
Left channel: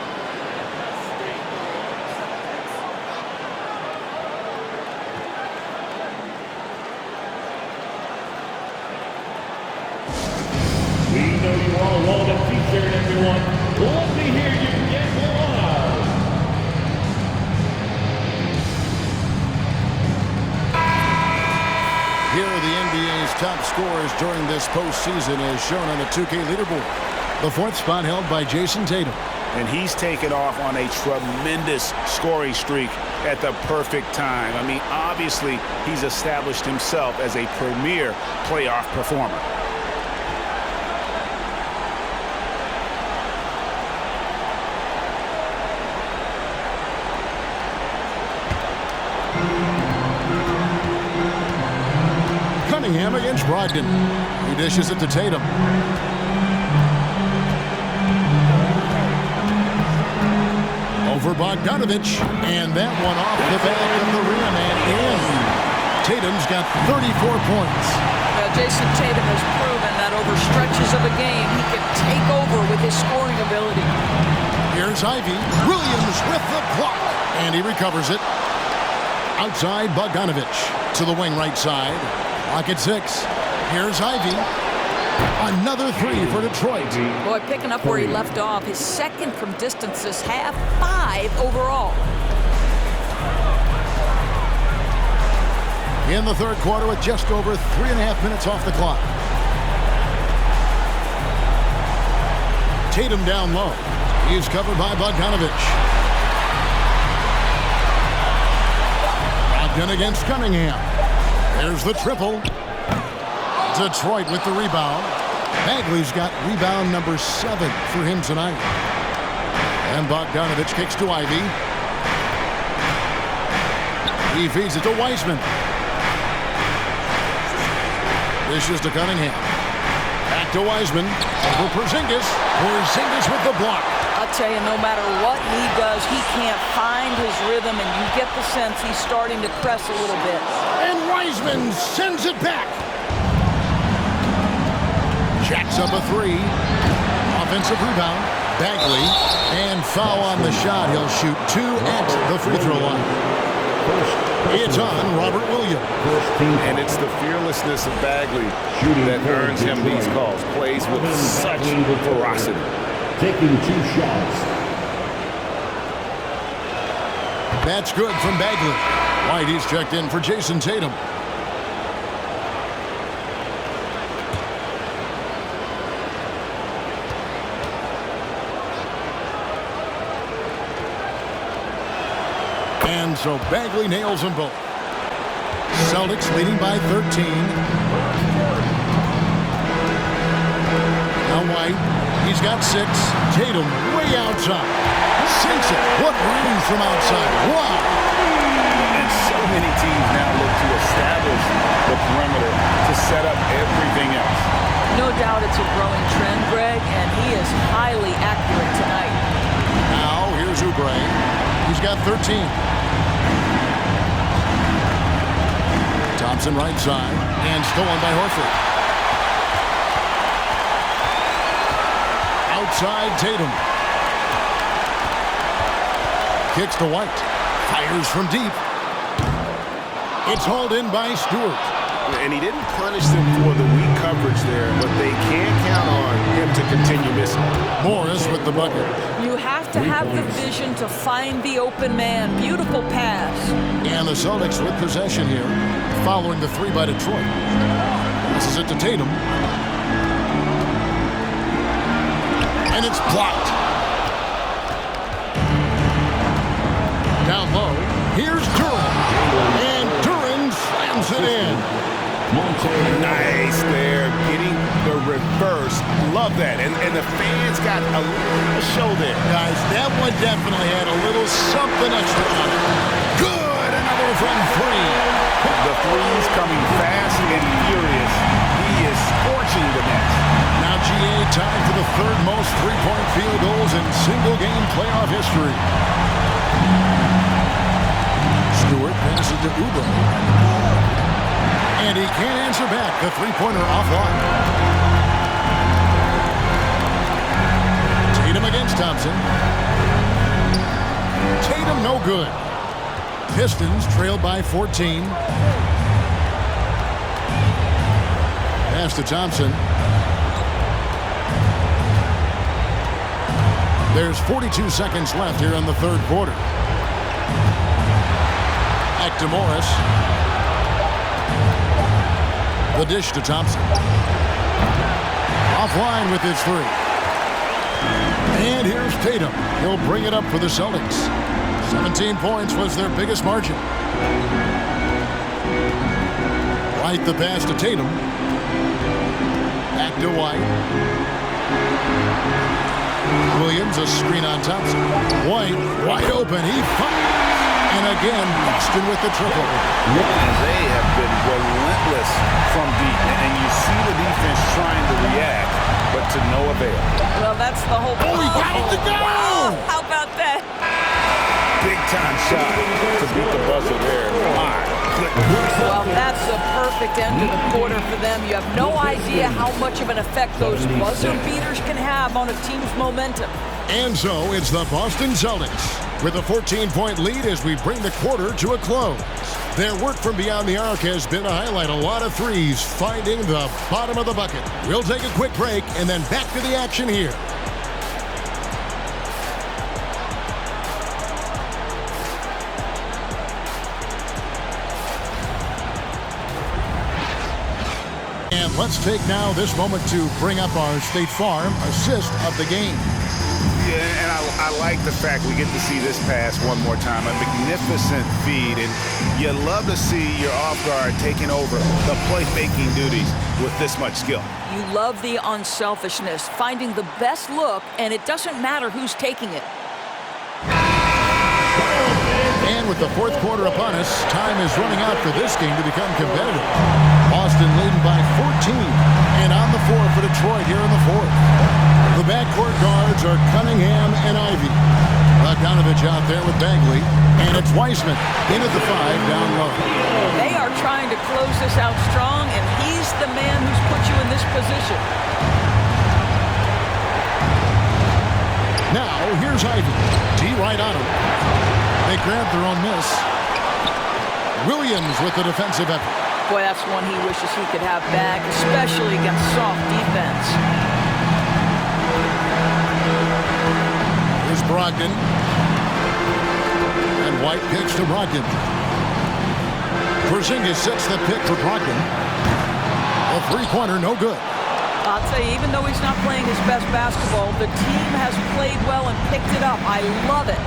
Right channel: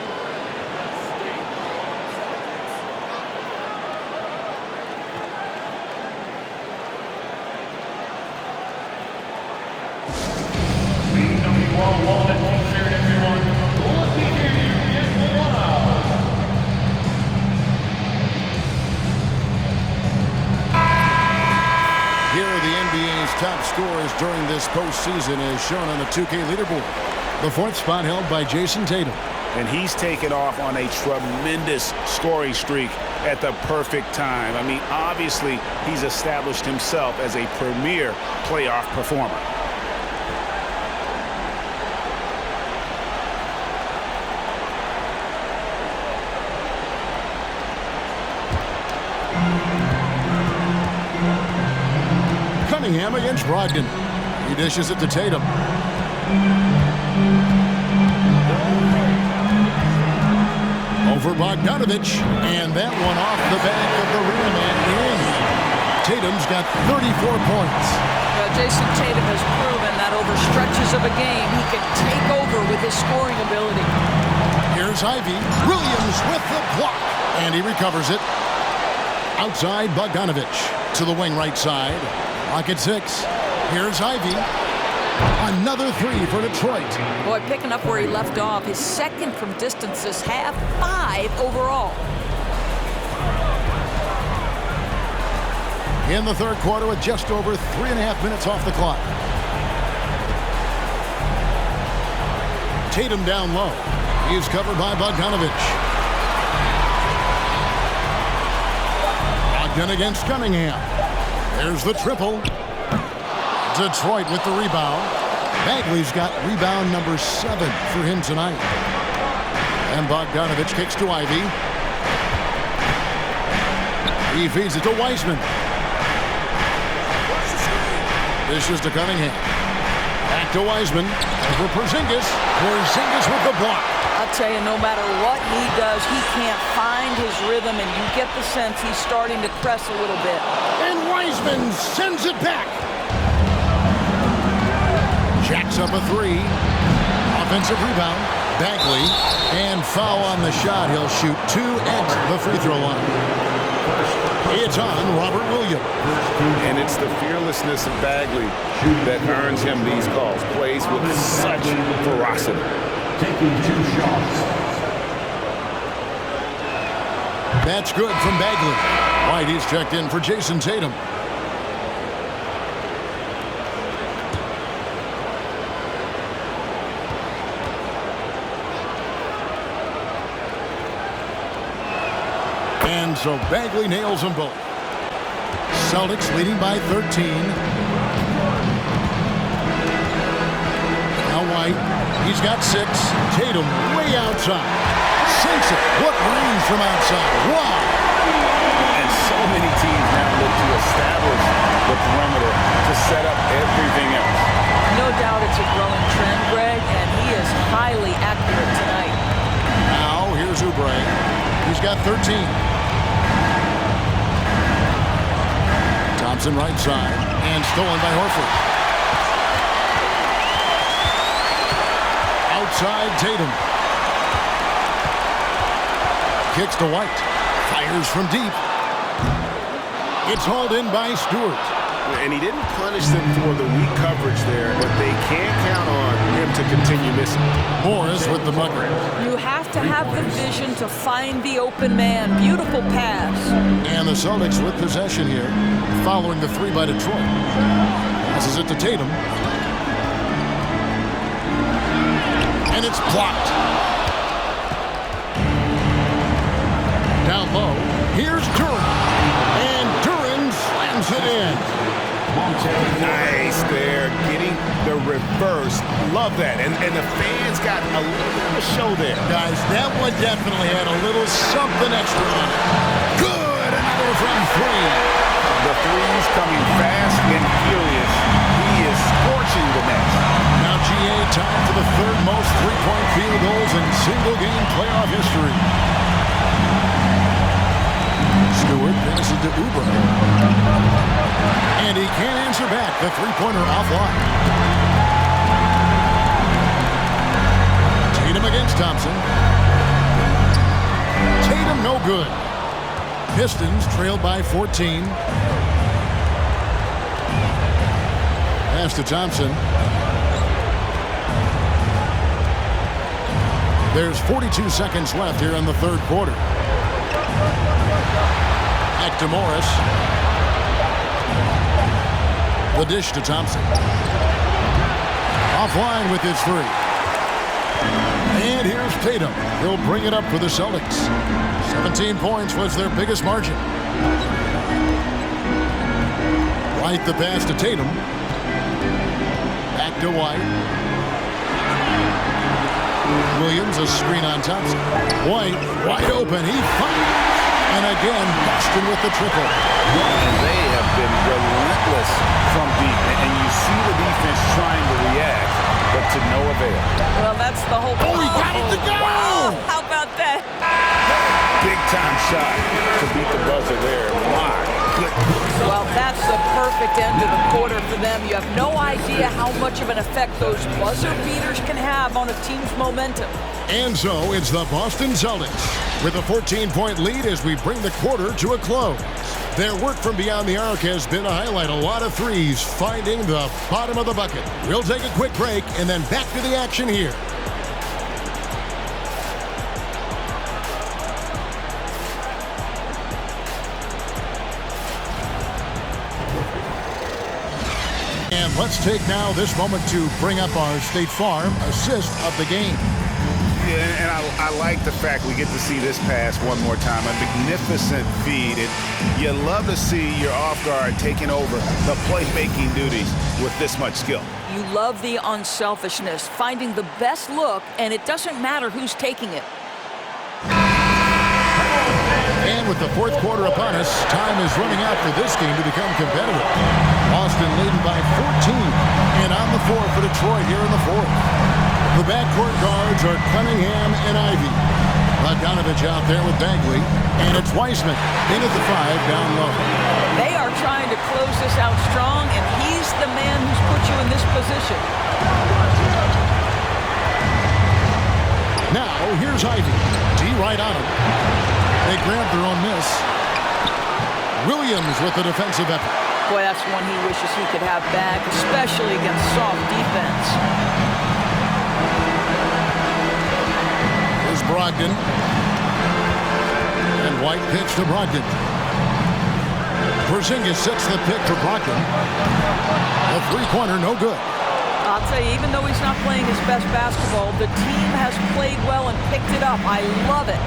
We know you all love that t-shirt, everyone. Well, let me hear you get loud. Here are the NBA's top scorers during this postseason as shown on the 2K leaderboard. The 4th spot held by Jason Tatum. And he's taken off on a tremendous scoring streak at the perfect time. I mean, obviously, he's established himself as a premier playoff performer. Cunningham against Brogdon. He dishes it to Tatum. Over Bogdanovich, and that one off the back of the rim and in. Tatum's got 34 points. Well, Jason Tatum has proven that over stretches of a game, he can take over with his scoring ability. Here's Ivy. Williams with the block, and he recovers it. Outside, Bogdanovich to the wing right side. Clock at 6. Here's Ivy. Another 3 for Detroit. Boy, picking up where he left off. His second from distance this half, 5 overall. In the third quarter with just over 3.5 minutes off the clock. Tatum down low. He's covered by Bogdanovich. Brogdon against Cunningham. There's the triple. Detroit with the rebound. Bagley's got rebound number 7 for him tonight. And Bogdanovich kicks to Ivy. He feeds it to Wiseman. This is to Cunningham. Back to Wiseman. Over Porzingis. Porzingis with the block. I'll tell you, no matter what he does, he can't find his rhythm, and you get the sense he's starting to press a little bit. And Wiseman sends it back. Jacks up a 3. Offensive rebound. Bagley. And foul on the shot. He'll shoot 2 at the free throw line. It's on Robert Williams. And it's the fearlessness of Bagley that earns him these calls. Plays with such ferocity. Taking 2 shots. That's good from Bagley. White, he's checked in for Jason Tatum. And so Bagley nails them both. Celtics leading by 13. Now White, he's got 6. Tatum way outside. Sinks it. What range from outside. Wow. And so many teams now look to establish the perimeter to set up everything else. No doubt it's a growing trend, Greg, and he is highly accurate tonight. Now here's Oubre. He's got 13. Thompson right side, and stolen by Horford. Outside Tatum. Kicks to White. Fires from deep. It's hauled in by Stewart. And he didn't punish them for the weak coverage there, but they can't count on him to continue missing. Morris with the bucket. You have to have the vision to find the open man. Beautiful pass. And the Celtics with possession here, following the 3 by Detroit. Passes it to Tatum. And it's blocked. Down low, here's Duran. And Duran slams it in. Nice there, getting the reverse. Love that. And the fans got a little bit of a show there. Guys, that one definitely had a little something extra on it. Good, another from 3. The threes coming fast and furious. He is scorching the net. Now GA tied for the 3rd most three-point field goals in single-game playoff history. Stewart passes to Oubre. And he can't answer back. The three-pointer offline. Tatum against Thompson. Tatum no good. Pistons trailed by 14. Pass to Thompson. There's 42 seconds left here in the 3rd quarter. Back to Morris. The dish to Thompson. Offline with his 3. And here's Tatum. He'll bring it up for the Celtics. 17 points was their biggest margin. White the pass to Tatum. Back to White. Williams a screen on Thompson. White wide open. He fires. And again, Boston with the triple. And they have been relentless from deep. And you see the defense trying to react, but to no avail. Well, that's the whole... Oh, he got it to go! Wow, how about that? Big time shot to beat the buzzer there. My goodness. Well, that's the perfect end of the quarter for them. You have no idea how much of an effect those buzzer beaters can have on a team's momentum. And so it's the Boston Celtics with a 14-point lead as we bring the quarter to a close. Their work from beyond the arc has been to highlight a lot of threes, finding the bottom of the bucket. We'll take a quick break and then back to the action here. And let's take now this moment to bring up our State Farm assist of the game. Yeah, and I like the fact we get to see this pass one more time. A magnificent feed, and you love to see your off guard taking over the playmaking duties with this much skill. You love the unselfishness, finding the best look, and it doesn't matter who's taking it. And with the fourth quarter upon us, time is running out for this game to become competitive. Boston leading by 14, and on the floor for Detroit here in the fourth. The backcourt guards are Cunningham and Ivy. Bogdanovich out there with Bagley, and it's Wiseman in at the 5 down low. They are trying to close this out strong, and he's the man who's put you in this position. Now, here's Ivy. D right on him. They grab their own miss. Williams with the defensive effort. Boy, that's one he wishes he could have back, especially against soft defense. Here's Brogdon. And White pitch to Brogdon. Porzingis sets the pick for Brogdon. A three-pointer, no good. I'll tell you, even though he's not playing his best basketball, the team has played well and picked it up. I love it.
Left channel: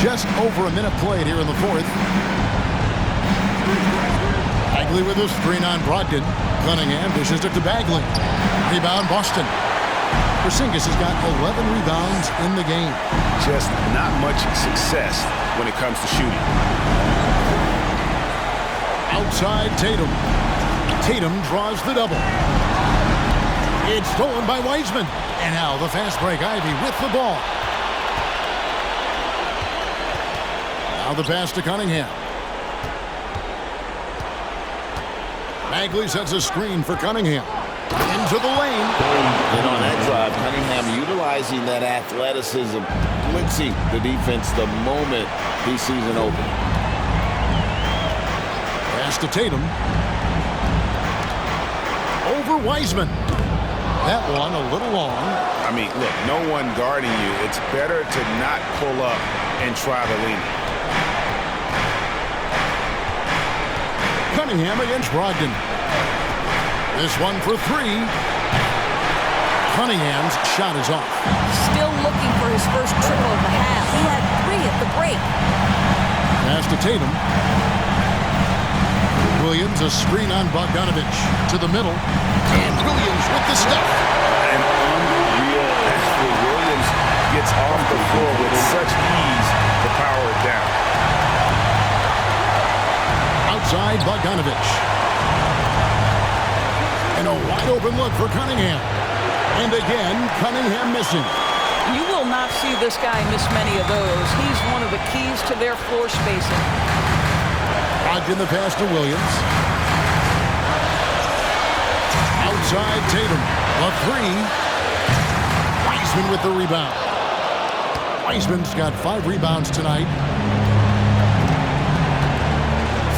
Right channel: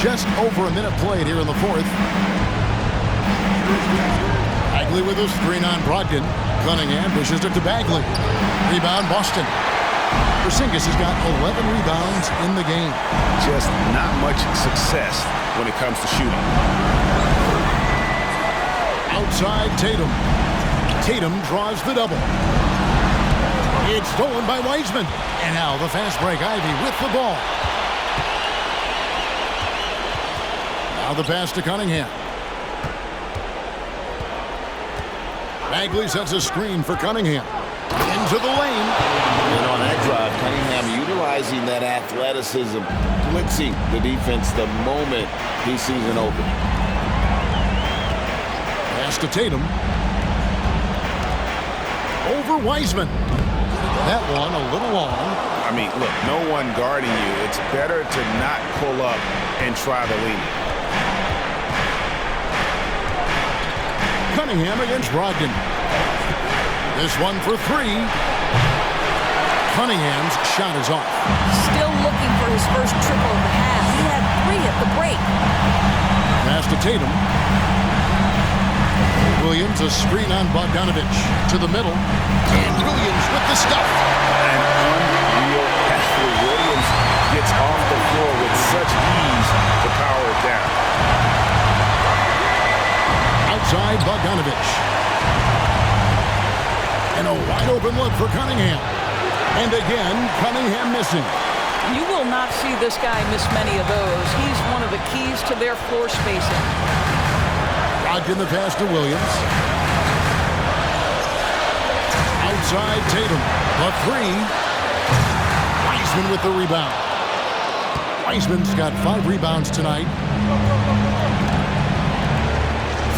Just over a minute played here in the fourth. Bagley with a screen on Brogdon. Cunningham dishes it to Bagley. Rebound Boston. Porzingis has got 11 rebounds in the game. Just not much success when it comes to shooting. Outside Tatum. Tatum draws the double. It's stolen by Wiseman. And now the fast break. Ivy with the ball. Now the pass to Cunningham. Bagley sets a screen for Cunningham. Into the lane. And on that drive, Cunningham utilizing that athleticism, blitzing the defense the moment he sees an opening. Pass to Tatum. Over Wiseman. That one a little long. I mean, look, no one guarding you. It's better to not pull up and try to lean it. Cunningham against Brogdon. This one for three. Cunningham's shot is off. Still looking for his first triple of the half. He had 3 at the break. Pass to Tatum. Williams a screen on Bogdanovich to the middle. And Williams with the stuff. An unreal athlete. Williams gets off the floor with such ease to power it down. Outside Bogdanovich. And a wide open look for Cunningham. And again, Cunningham missing. You will not see this guy miss many of those. He's one of the keys to their floor spacing. Brogdon the pass to Williams. Outside Tatum. A 3. Wiseman with the rebound. Wiseman's got 5 rebounds tonight.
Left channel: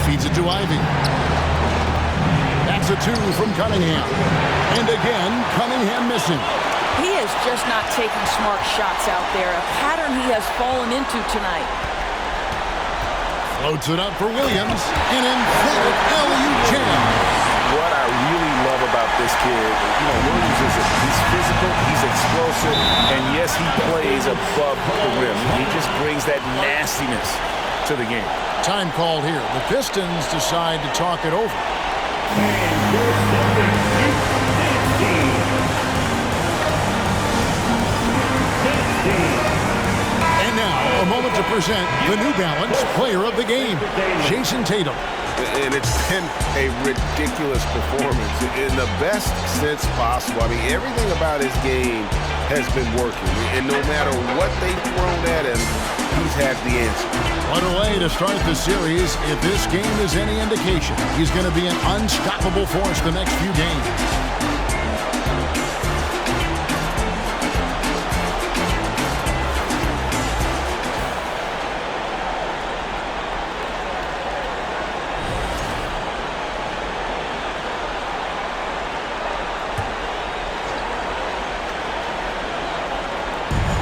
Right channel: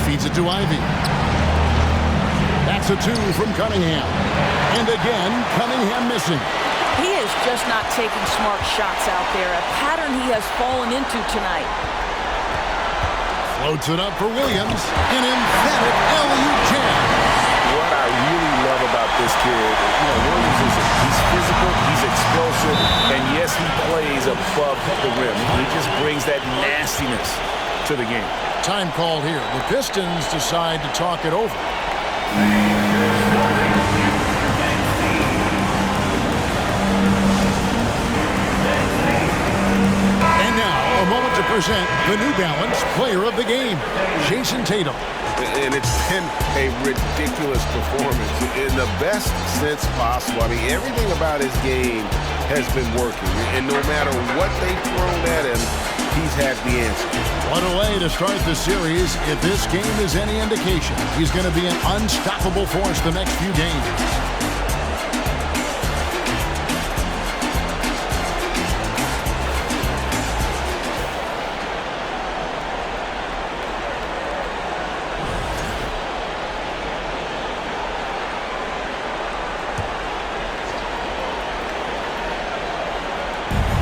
Feeds it to Ivy. That's a 2 from Cunningham. And again, Cunningham missing. He is just not taking smart shots out there, a pattern he has fallen into tonight. Floats it up for Williams. An emphatic alley-oop jam. What I really love about this kid, Williams he's physical, he's explosive, and yes, he plays above the rim. He just brings that nastiness to the game. Time called here. The Pistons decide to talk it over. And now, a moment to present the New Balance Player of the Game, Jason Tatum. And it's been a ridiculous performance in the best sense possible. I mean, everything about his game has been working. And no matter what they've thrown at him, he's had the answer. What a way to start the series. If this game is any indication, he's going to be an unstoppable force the next few games.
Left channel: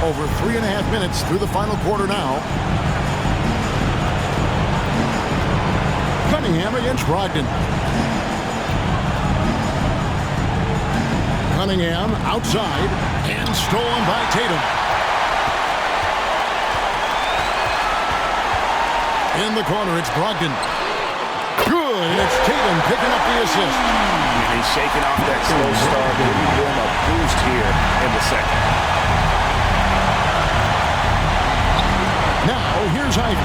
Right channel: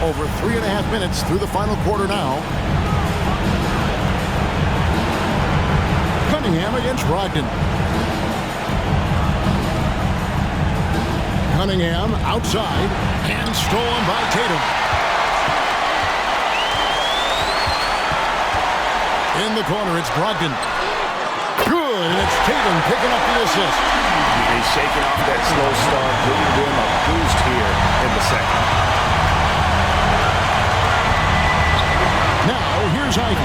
Over 3.5 minutes through the final quarter now. Cunningham against Brogdon. Cunningham outside and stolen by Tatum. In the corner, it's Brogdon. Good, and it's Tatum picking up the assist. He's shaking off that slow start, giving them a boost here in the second. Now, here's Ivy.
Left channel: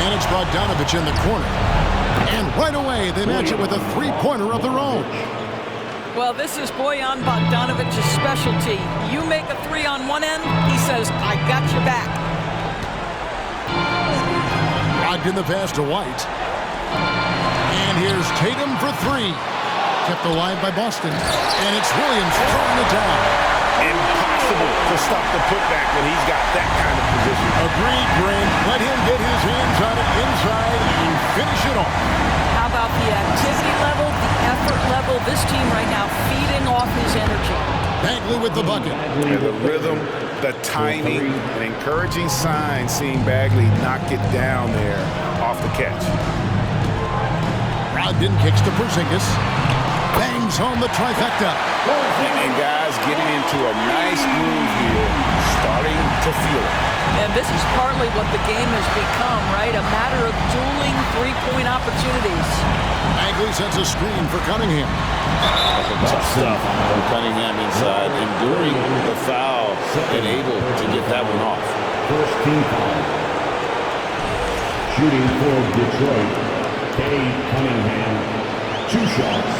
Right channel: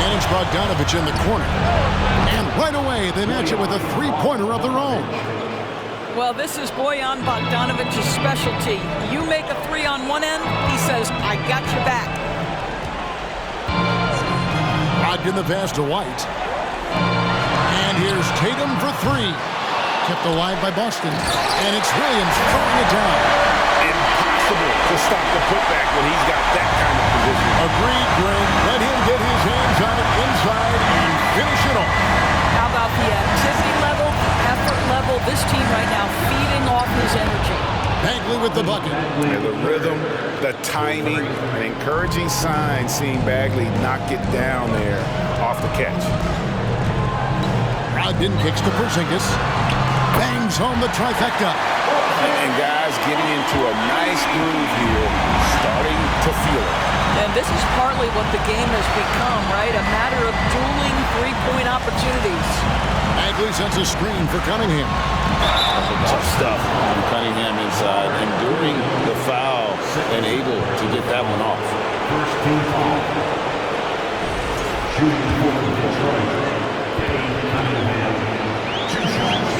And it's Bogdanovich in the corner. And right away, they match it with a three-pointer of their own. Well, this is Bojan Bogdanovich's specialty. You make a three on one end, he says, I got your back. Brogdon the pass to White. And here's Tatum for three. Kept alive by Boston. And it's Williams throwing it down. Impossible to stop the putback when he's got that kind of position. Agreed, Grant. Let him get his hands on it inside and finish it off. How about the activity level, the effort level? This team right now feeding off his energy. Bagley with the bucket. And the rhythm, the timing, an encouraging sign seeing Bagley knock it down there off the catch. Brogdon kicks to Porzingis. Bangs home the trifecta. And guys getting into a nice groove here, starting to feel it. And this is partly what the game has become, right? A matter of dueling three-point opportunities. Bagley sends a screen for Cunningham. Tough stuff from Cunningham inside, enduring the foul and able to get that one off. First team foul. Shooting for Detroit, Cunningham. 2 shots.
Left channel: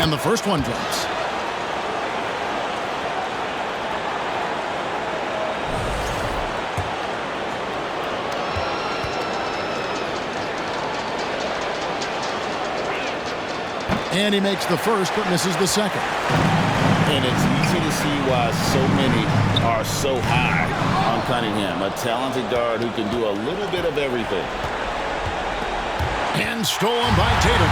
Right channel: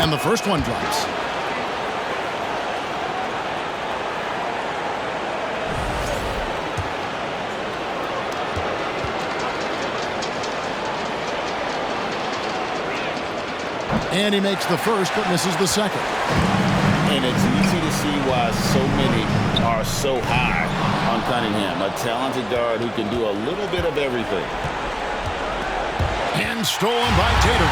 And the first one drops. And he makes the first, but misses the second. And it's easy to see why so many are so high on Cunningham, a talented guard who can do a little bit of everything. And stolen by Tatum.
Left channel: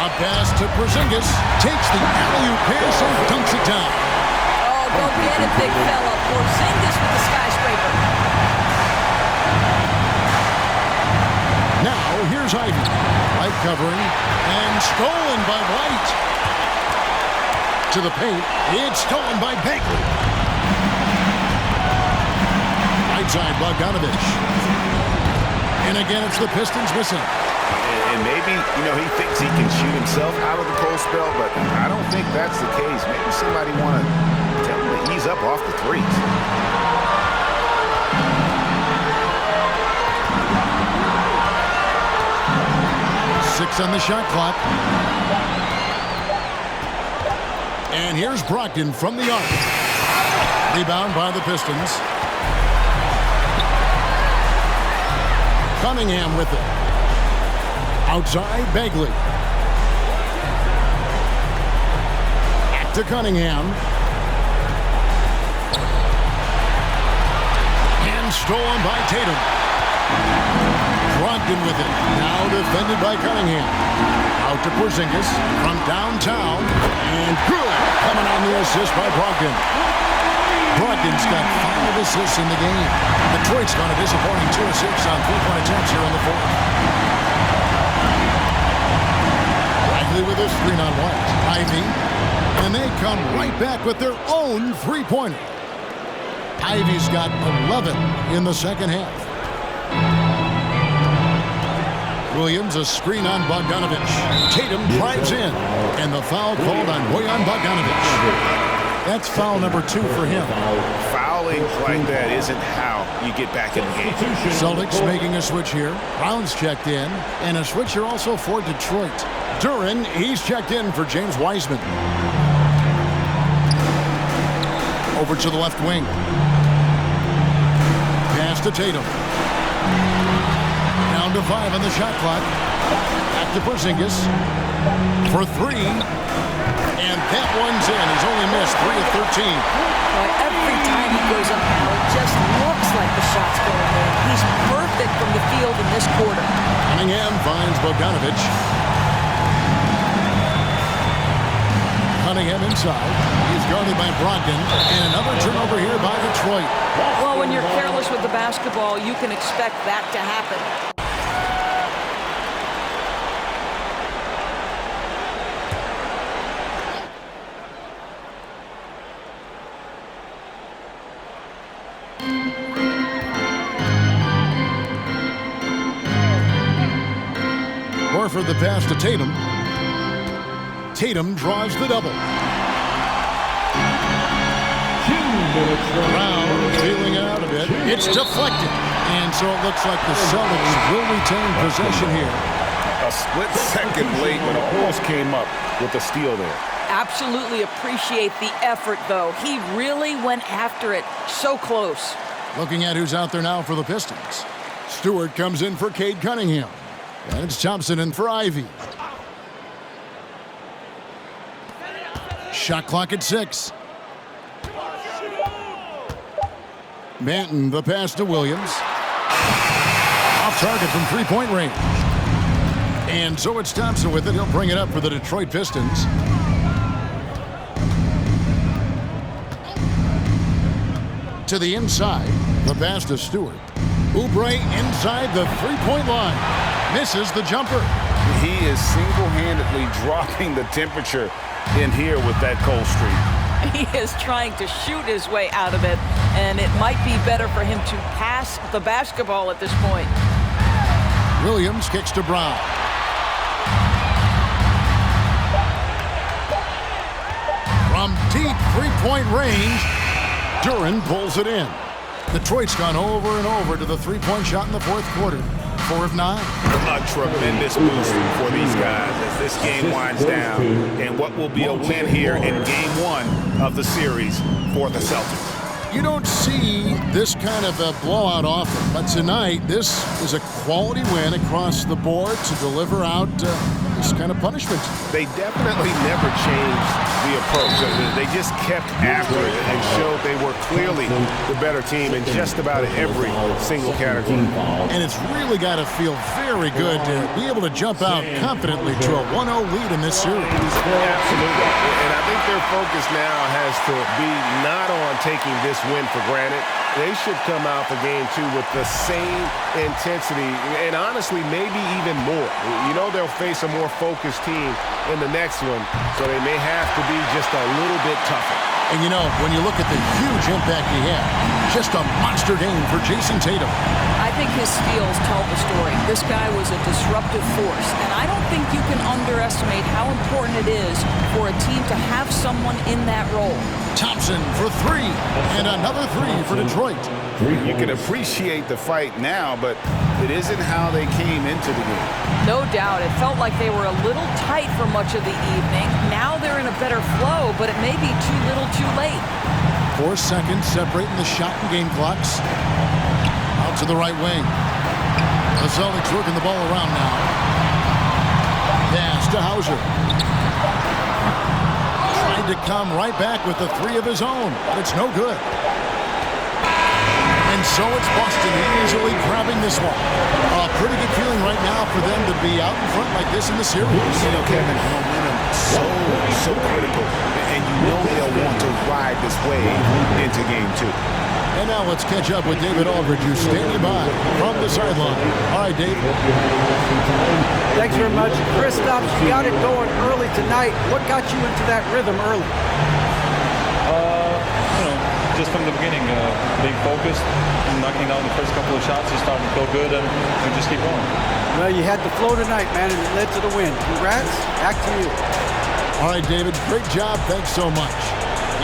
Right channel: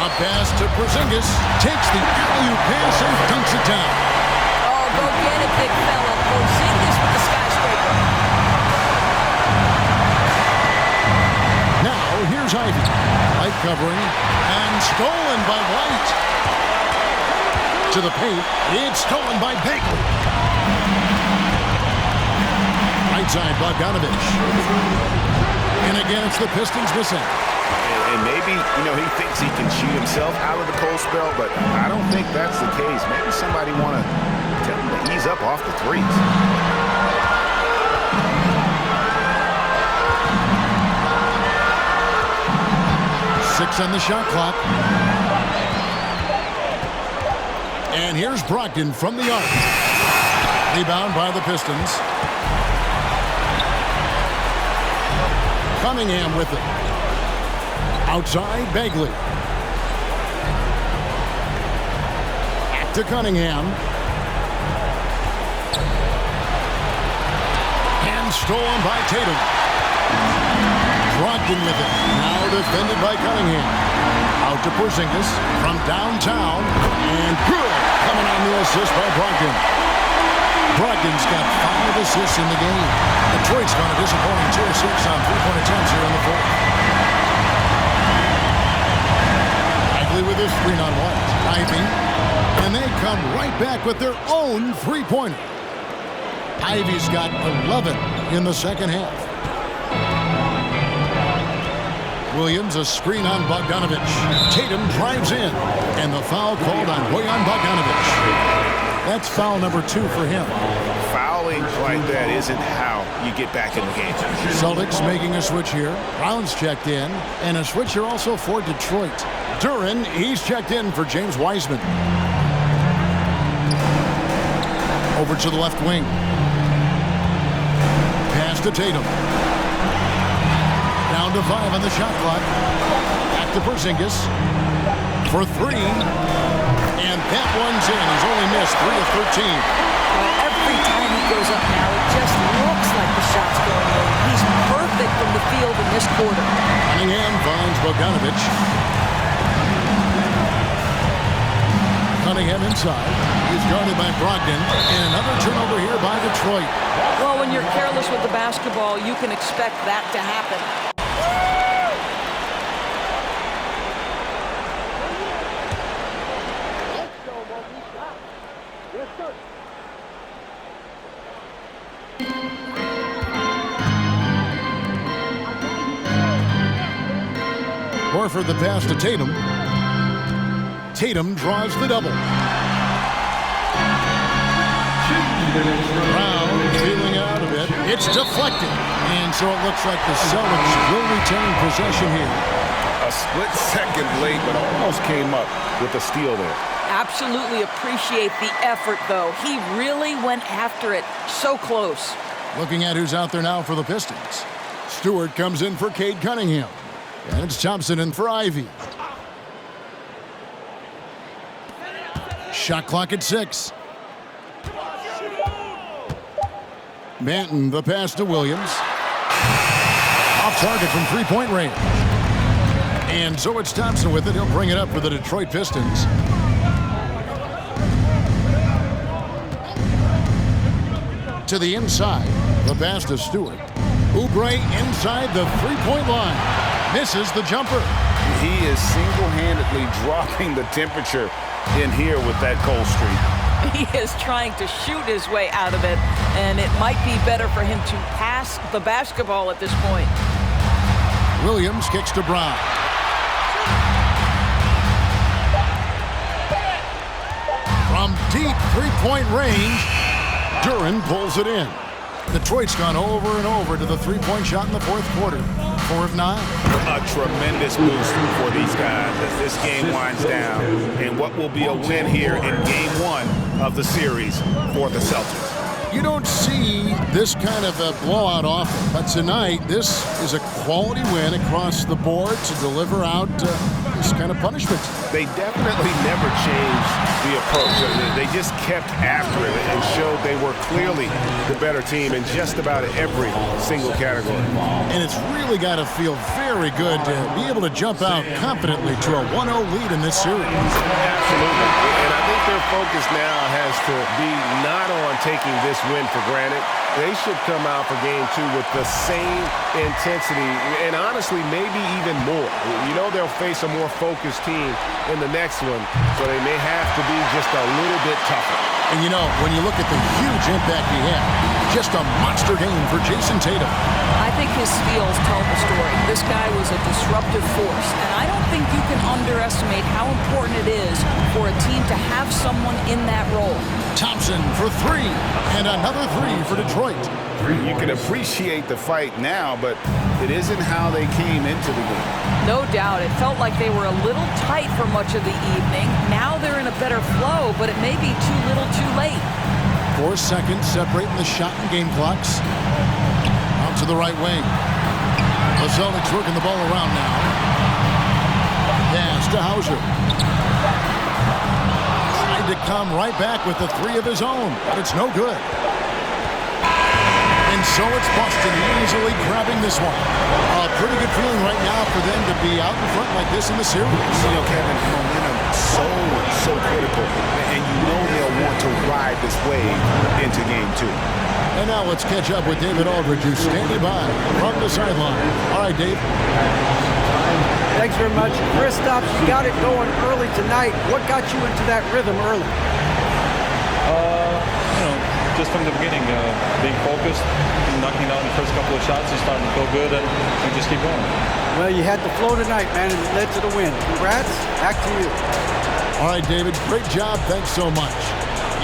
A pass to Porzingis. Takes the alley-oop pass and dunks it down. Oh, go get it, big fella. Porzingis with the skyscraper. Now, here's Ivy. Light covering. And stolen by White. To the paint. It's stolen by Bagley. Right side, Bogdanovich. And again, it's the Pistons missing. And maybe, he thinks he can shoot himself out of the cold spell, but I don't think that's the case. Maybe somebody want to tell him to ease up off the threes. Six on the shot clock. And here's Brogdon from the arc. Rebound by the Pistons. Cunningham with it. Outside, Bagley. Back to Cunningham. And stolen by Tatum. Brogdon with it. Now defended by Cunningham. Out to Porzingis from downtown. And good. Coming on the assist by Brogdon. Brogdon's got 5 assists in the game. Detroit's gone a disappointing 2 of 6 on three-point attempts here in the fourth. Bagley with a screen on White. Ivy. And they come right back with their own three-pointer. Ivy's got 11 in the second half. Williams, a screen on Bogdanovich. Tatum drives in. And the foul called on Bojan Bogdanovich. That's foul number 2 for him. Fouling like that isn't how you get back in the game. Celtics making a switch here. Brown's checked in. And a switch here also for Detroit. Duren, he's checked in for James Wiseman. Over to the left wing. Pass to Tatum. Down to 5 on the shot clock. Back to Porzingis. For 3. And that one's in. He's only missed 3 of 13. But every time he goes up now, it just looks like the shot's going in. He's perfect from the field in this quarter. Cunningham finds Bogdanovich. Cunningham inside. He's guarded by Brogdon. And another turnover here by Detroit. Well, when you're careless with the basketball, you can expect that to happen. Horford the pass to Tatum. Tatum draws the double. Brown feeling out a bit. It's deflected. And so it looks like the Celtics will retain possession here. A split second late, but almost came up with a steal there. Absolutely appreciate the effort, though. He really went after it. So close. Looking at who's out there now for the Pistons. Stewart comes in for Cade Cunningham. And it's Thompson in for Ivy. Shot clock at 6. Manton, the pass to Williams. Off target from three-point range. And so it's Thompson with it. He'll bring it up for the Detroit Pistons. To the inside. The pass to Stewart. Oubre inside the three-point line. Misses the jumper. He is single-handedly dropping the temperature in here with that cold streak. He is trying to shoot his way out of it, and it might be better for him to pass the basketball at this point. Williams kicks to Brown. From deep three-point range, Duren pulls it in. Detroit's gone over and over to the three-point shot in the fourth quarter. 4 of 9. A tremendous boost for these guys as this game winds down, and what will be a win here in game 1 of the series for the Celtics. You don't see this kind of a blowout often, but tonight this is a quality win across the board to deliver out this kind of punishment. They definitely never changed the approach. They just kept after it and showed they were clearly the better team in just about every single category. And it's really got to feel very good to be able to jump out confidently to a 1-0 lead in this series. Absolutely. And I think their focus now has to be not on taking this win for granted. They should come out for game 2 with the same intensity and honestly maybe even more. You know they'll face a more focused team in the next one, so they may have to be just a little bit tougher. And you know, when you look at the huge impact he had, just a monster game for Jason Tatum. I think his steals tell the story. This guy was a disruptive force, and I don't think you can underestimate how important it is for a team to have someone in that role. Thompson for 3, and another 3 for Detroit. You can appreciate the fight now, but it isn't how they came into the game. No doubt. It felt like they were a little tight for much of the evening. Now they're in a better flow, but it may be too little too late. 4 seconds separating the shot and game clocks. Out to the right wing. The Celtics working the ball around now. Pass to Hauser. Tried to come right back with the 3 of his own, but it's no good. And so it's Boston easily grabbing this one. A pretty good feeling right now for them to be out in front like this in the series. You know, Kevin, momentum so critical. And you know they'll want to ride this wave into game 2. And now let's catch up with David Aldridge, who's standing by from the sideline. All right, Dave. Thanks very much. Kristaps, you got it going early tonight. What got you into that rhythm early? Just from the beginning, being focused, knocking down the first couple of shots, you're starting to feel good, and just keep going. Well, you had the flow tonight, man, and it led to the win. Congrats. Back to you. All right, David, great job. Thanks so much.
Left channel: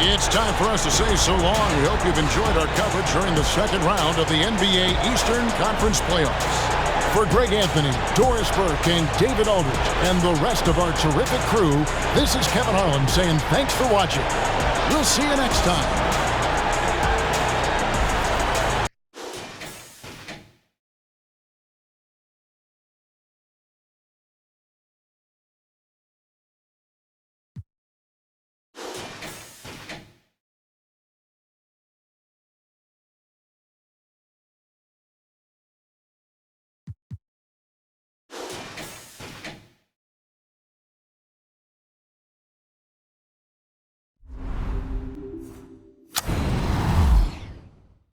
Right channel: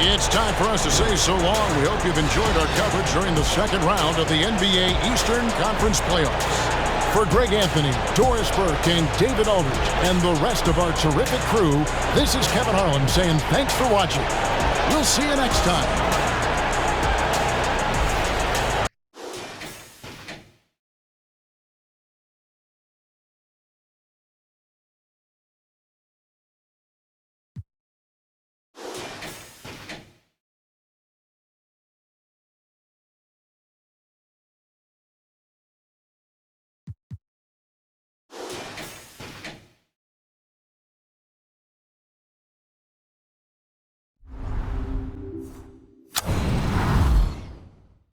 It's time for us to say so long. We hope you've enjoyed our coverage during the second round of the NBA Eastern Conference Playoffs. For Greg Anthony, Doris Burke, and David Aldridge, and the rest of our terrific crew, this is Kevin Harlan saying thanks for watching. We'll see you next time